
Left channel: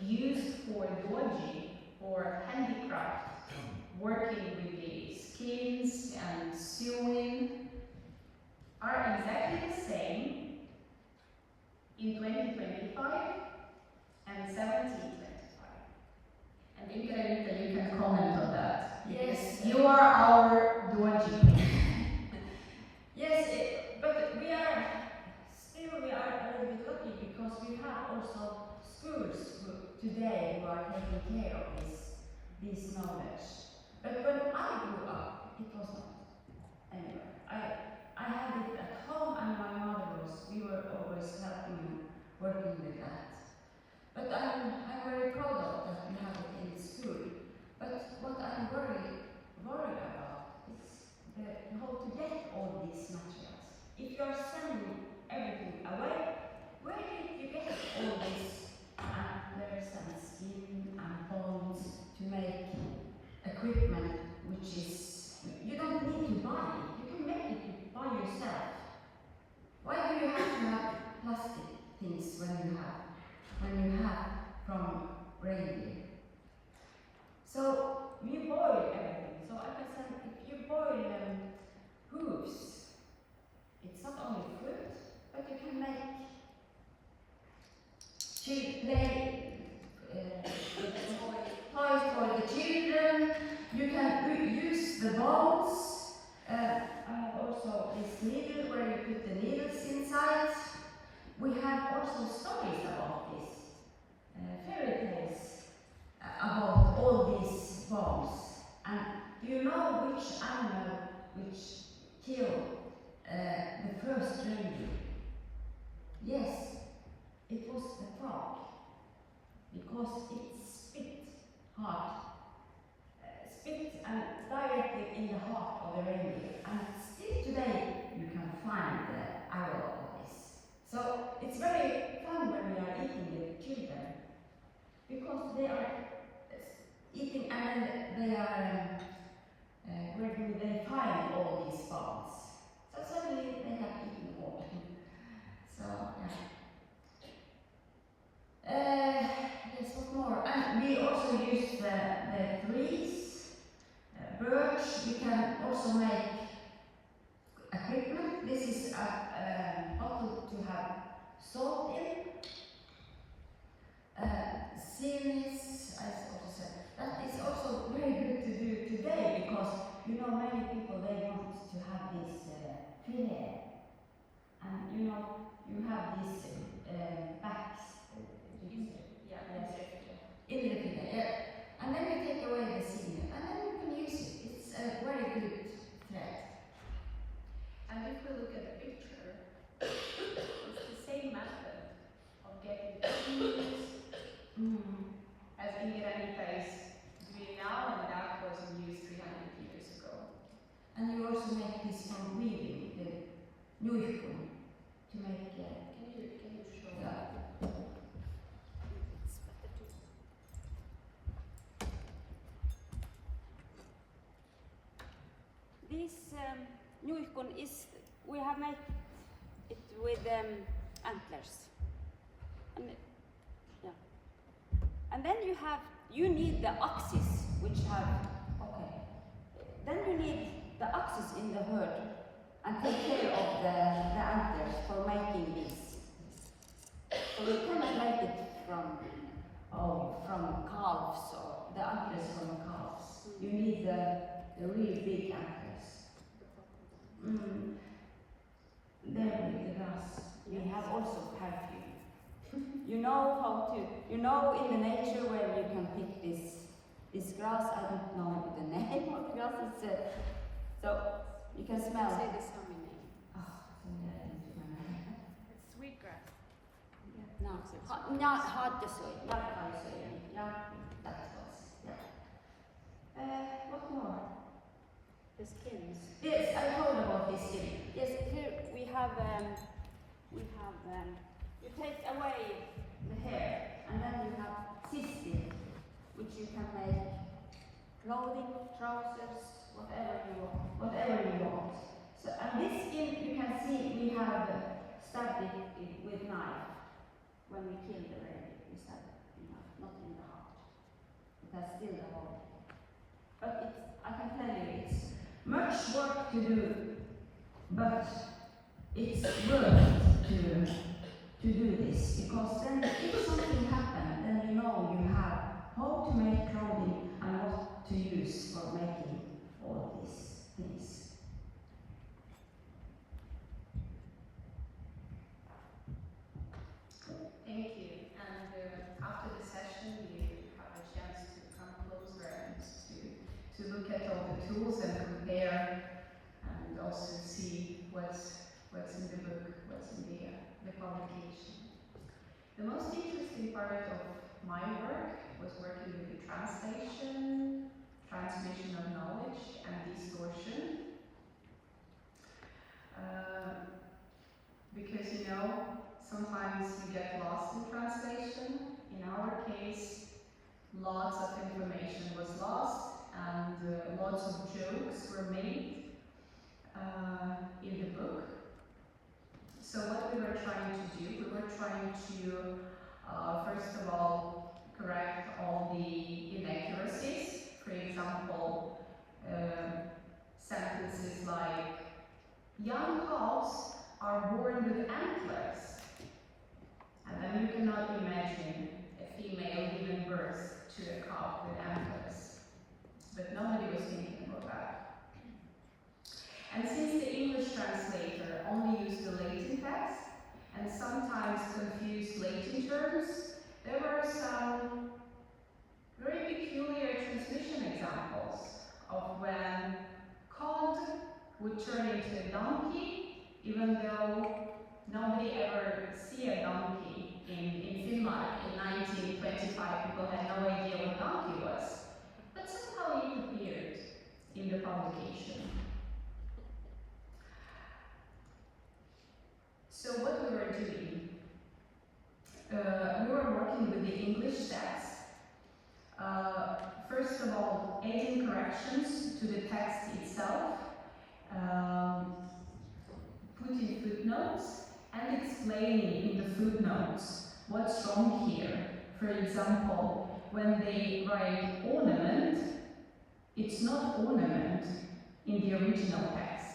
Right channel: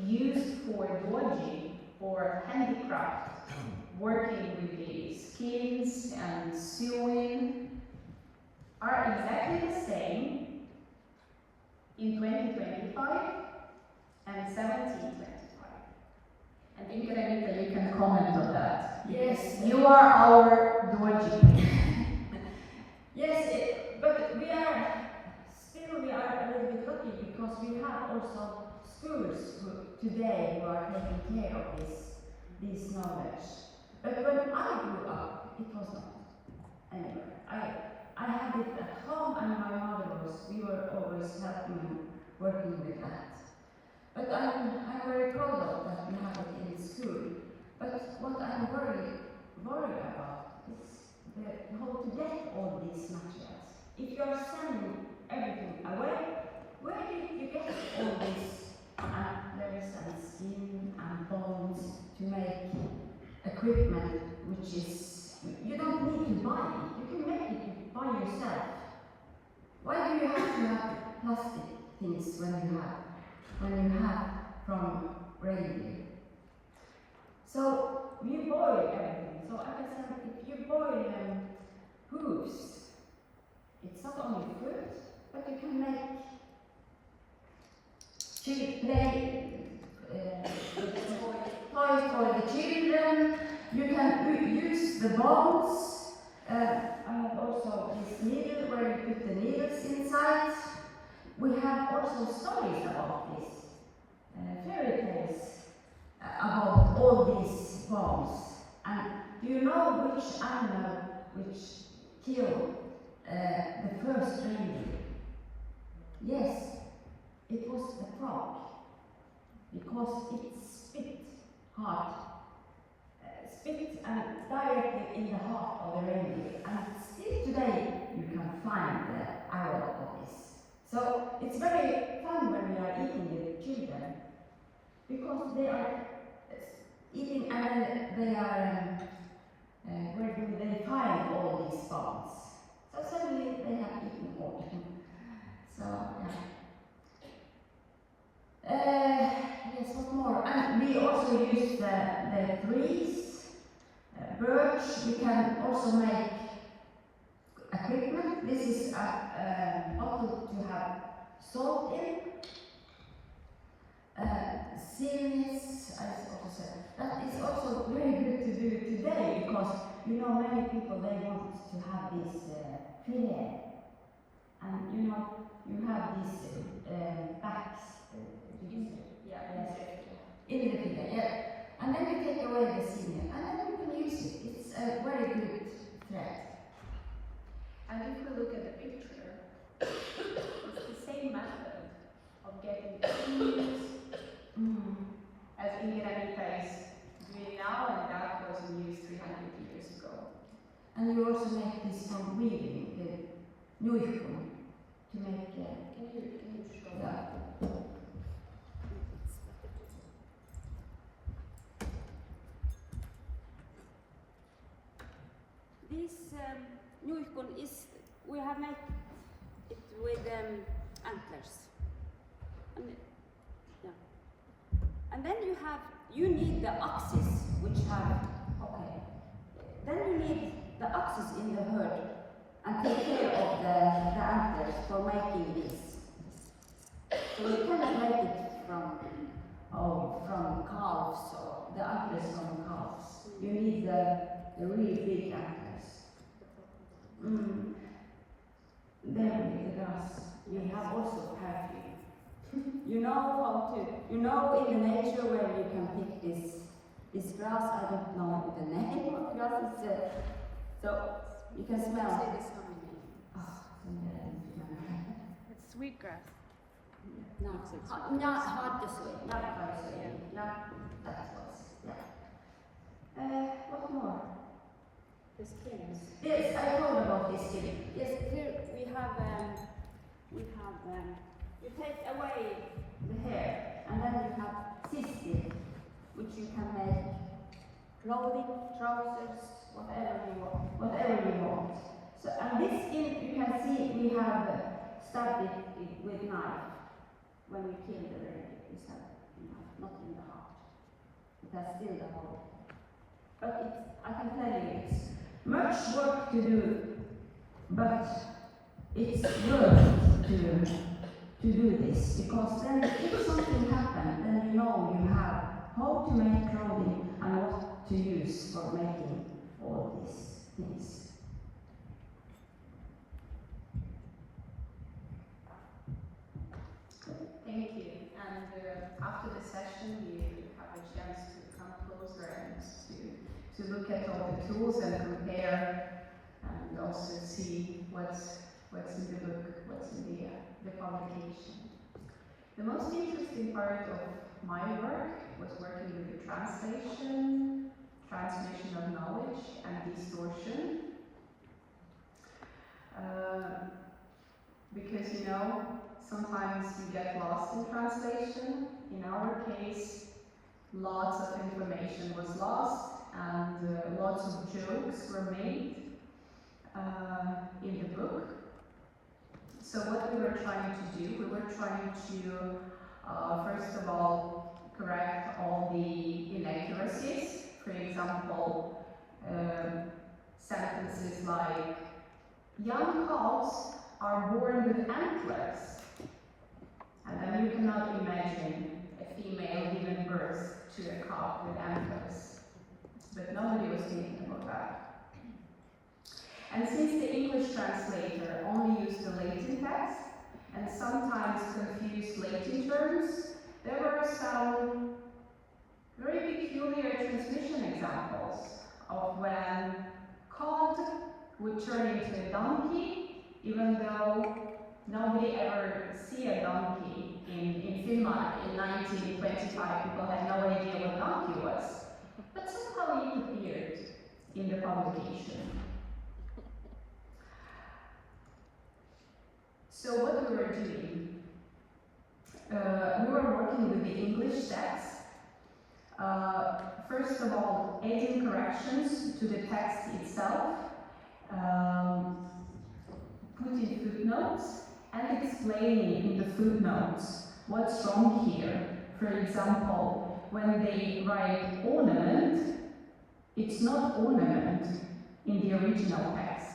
used for Doji, or handicraft, working with the skins and sewing, are exactly the same in 2025 and 1725. And Inka Renita, you can comment on that. yes, You are our Doji. yes, but we are a little bit lucky because we have also schools today who are taking care of this knowledge. But when I grew up, it was not. Anyway, I had it at home, and my mother we were always helping and working with that. But I'm very proud of that we have it in school. But what I'm worried about is how to get all these materials. If you are sending everything away, where did you get all these antlers and skin and bones to make equipment which is, you don't need to buy it, you can make it by yourself. Why do you have to have plastic things when you have from reindeer? So we boil everything. So I can say if you boil hooves, it's not only fruit, but you can make play with toys for the children. You can use the bones. I have also this needle where you put the needles inside. We have also stories about this, fairy tales about all these bones. And do you know which animal which killed the first reindeer? Yes, it was the frog, because it spit and directly in the heart of the reindeer. And still today you can find the arrow of this. So it's very fun when we are eating with children, because they are eating and then they are, where do they find all these bones? So suddenly they have eaten all of them. So, yeah. Yes, what more? And we also use the trees, birch. We can also make equipment. This is a bottle to have salt in. Series, I also said. That is also very good to do today, because you know many people, they want to have this fillet. And you know, you have these backs. In the fillet, yeah. And then we take away the skin, and then we can use it. It's a very good thread. And if we look at the picture, it's the same method of getting fingers as Indigenita is doing now, and that was used 300 years ago. And you also make this from weaving, the Nuikun, to make. Can you show? Yeah. This Nuikun is, we have made it with antlers. And, yeah. And then you need the axes, which have, okay. Then you need the axes in the herd and take care of the antlers for making this. So you cannot make it from calves, or the antlers from calves. You need the really big antlers. Then with the grass, you have also perfume. You know in the nature where you can pick this grass. I don't know the name of grass. It's so you can smell. Say the Sámi name. It's sweetgrass. No, not hard to say. Not hard to say. Yeah, that was. Yeah. What more? The skins. Yes, I told about this skin. Yes, here we have. You take away the hair, and then you have cystin, which you can make clothing, trousers, whatever you want. So, and this skin, you can see we have stabbed it with knife when we kill the reindeer. We stab knife, not in the heart. It has still the hole. But I can tell you, it's much work to do, but it's worth it to do this, because then if something happens, then you know you have how to make clothing and what to use for making all these things. Thank you. And after the session, you have a chance to come closer and to look at all the tools and compare, and also see what's in the book, what's in the publication. The most interesting part of my work was working with the translation, transmission of knowledge, and distortion. Because you know, sometimes you get lost in translation. In our case, lots of information was lost, and lots of jokes were made in the book. So what we were trying to do, we were trying to, first of all, correct all the inaccuracies. For example, sentences like, young calves are born with antlers. And then you cannot imagine imagine a female giving birth to a calf with antlers. But nobody was thinking about that. And since the English translator only used the Latin text, and sometimes confused Latin terms, there were some very peculiar transmission examples of when cod would turn into a donkey, even though nobody ever see a donkey in Finnmark in 1925. People had no idea what donkey was. But somehow it appeared in the publication. So what we were doing, we were working with the English text. First of all, adding corrections to the text itself, putting footnotes, and explaining in the footnotes what's wrong here. For example, when they write ornament, it's not ornament in the original text,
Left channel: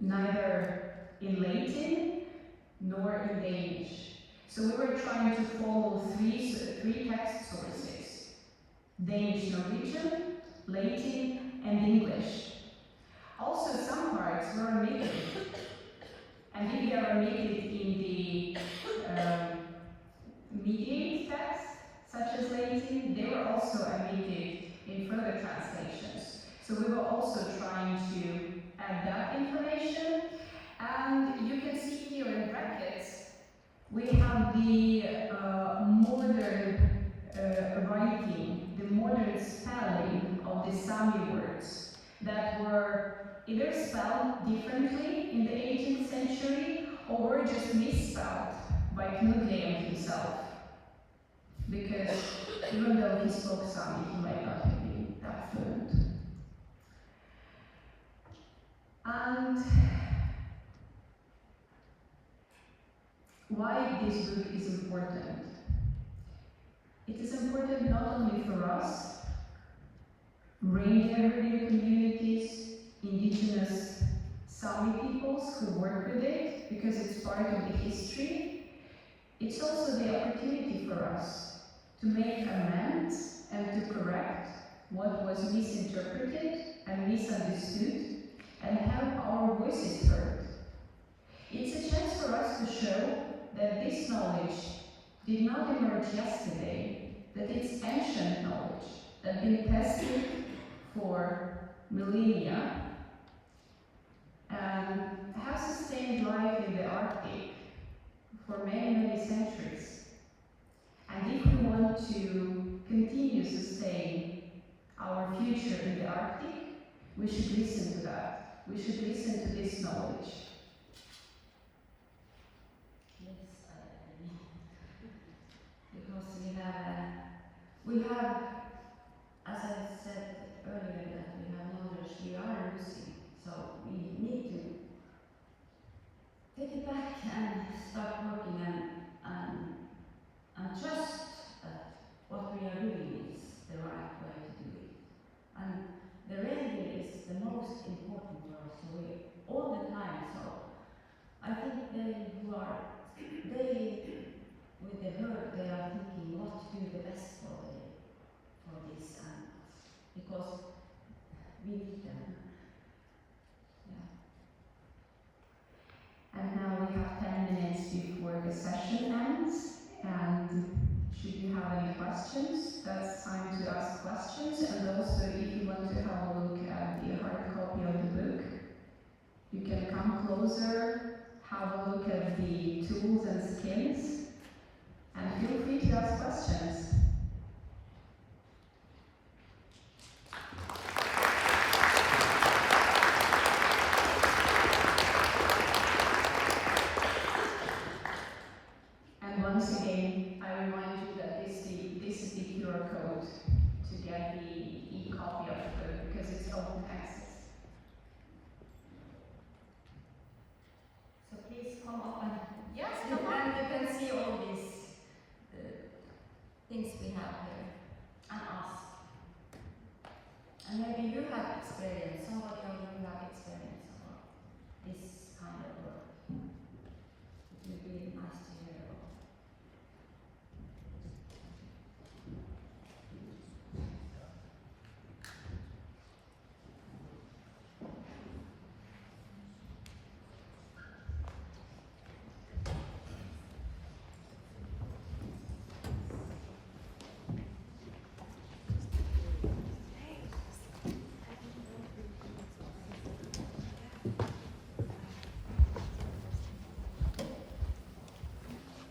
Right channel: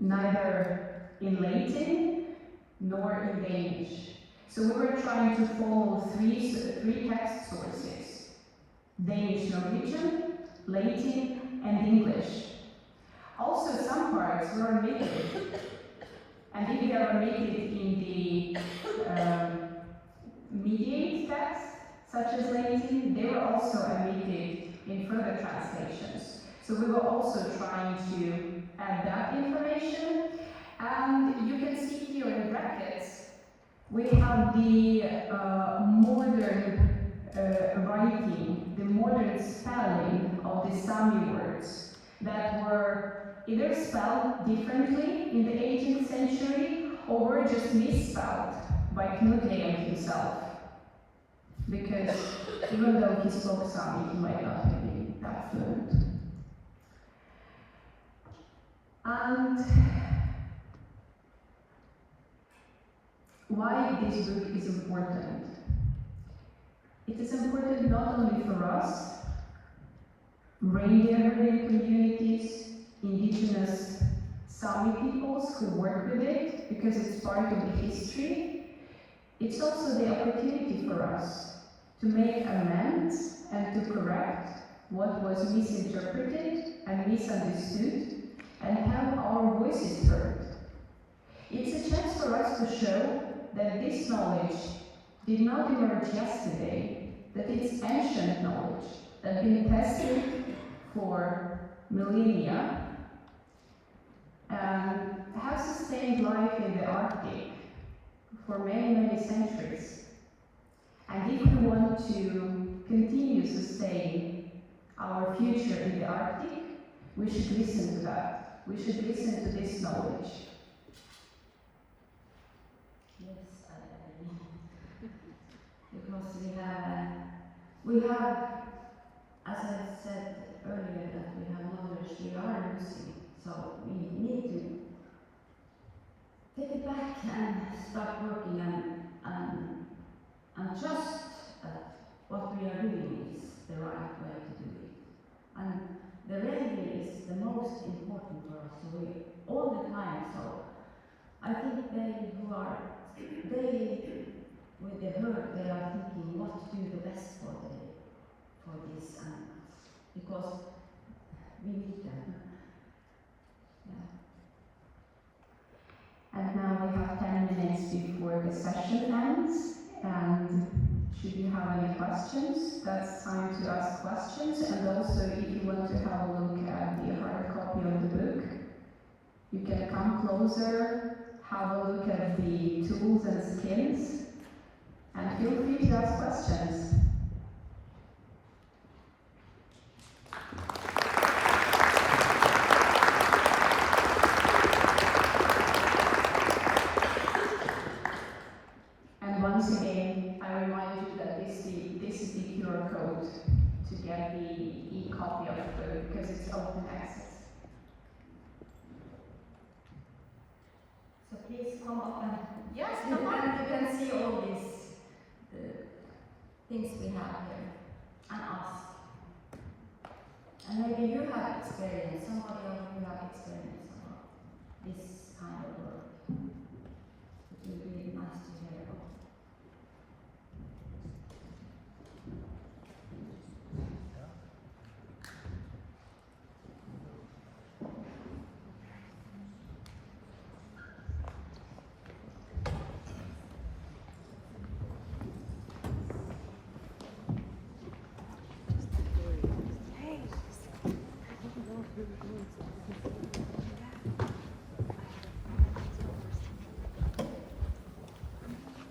neither in Latin nor in Danish. So we were trying to follow three text sources: Danish, Norwegian, Latin, and English. Also, some parts were omitted, and if they are omitted in the mediate text, such as Latin, they were also omitted in further translations. So we were also trying to add that information. And you can see here in brackets, we have the modern writing, the modern spelling of the Sámi words that were either spelled differently in the 18th century or were just misspelled by Knud Leem himself. Because even though he spoke Sámi, he might not have been that fluent. And why this book is important? It is important not only for us, reindeer herding communities, indigenous Sámi peoples who work with it, because it's part of the history. It's also the opportunity for us to make amends and to correct what was misinterpreted and misunderstood and have our voices heard. It's a chance for us to show that this knowledge did not emerge yesterday, that it's ancient knowledge that has been tested for millennia and has sustained life in the Arctic for many, many centuries. And if we want to continue to sustain our future in the Arctic, we should listen to that. We should listen to this knowledge. Yes, I agree. Because we have, as I said earlier, that we have knowledge we are losing. So we need to take it back and start working and trust that what we are doing is the right way to do it. And the reindeer is the most important for us. So we all the time. So I think they with the herd, they are thinking what to do the best for these animals, because we need them. Yeah. And now we have 10 minutes before the session ends, and should you have any questions, that's time to ask questions. And also, if you want to have a look at the hard copy of the book, you can come closer, have a look at the tools and skins, and feel free to ask questions. And once again, I remind you that this is the QR code to get the e-copy of the book, because it's open access. So please come up and Yes, you come on. can see all these things we have here and ask. And maybe you have experience, somebody of you have experience.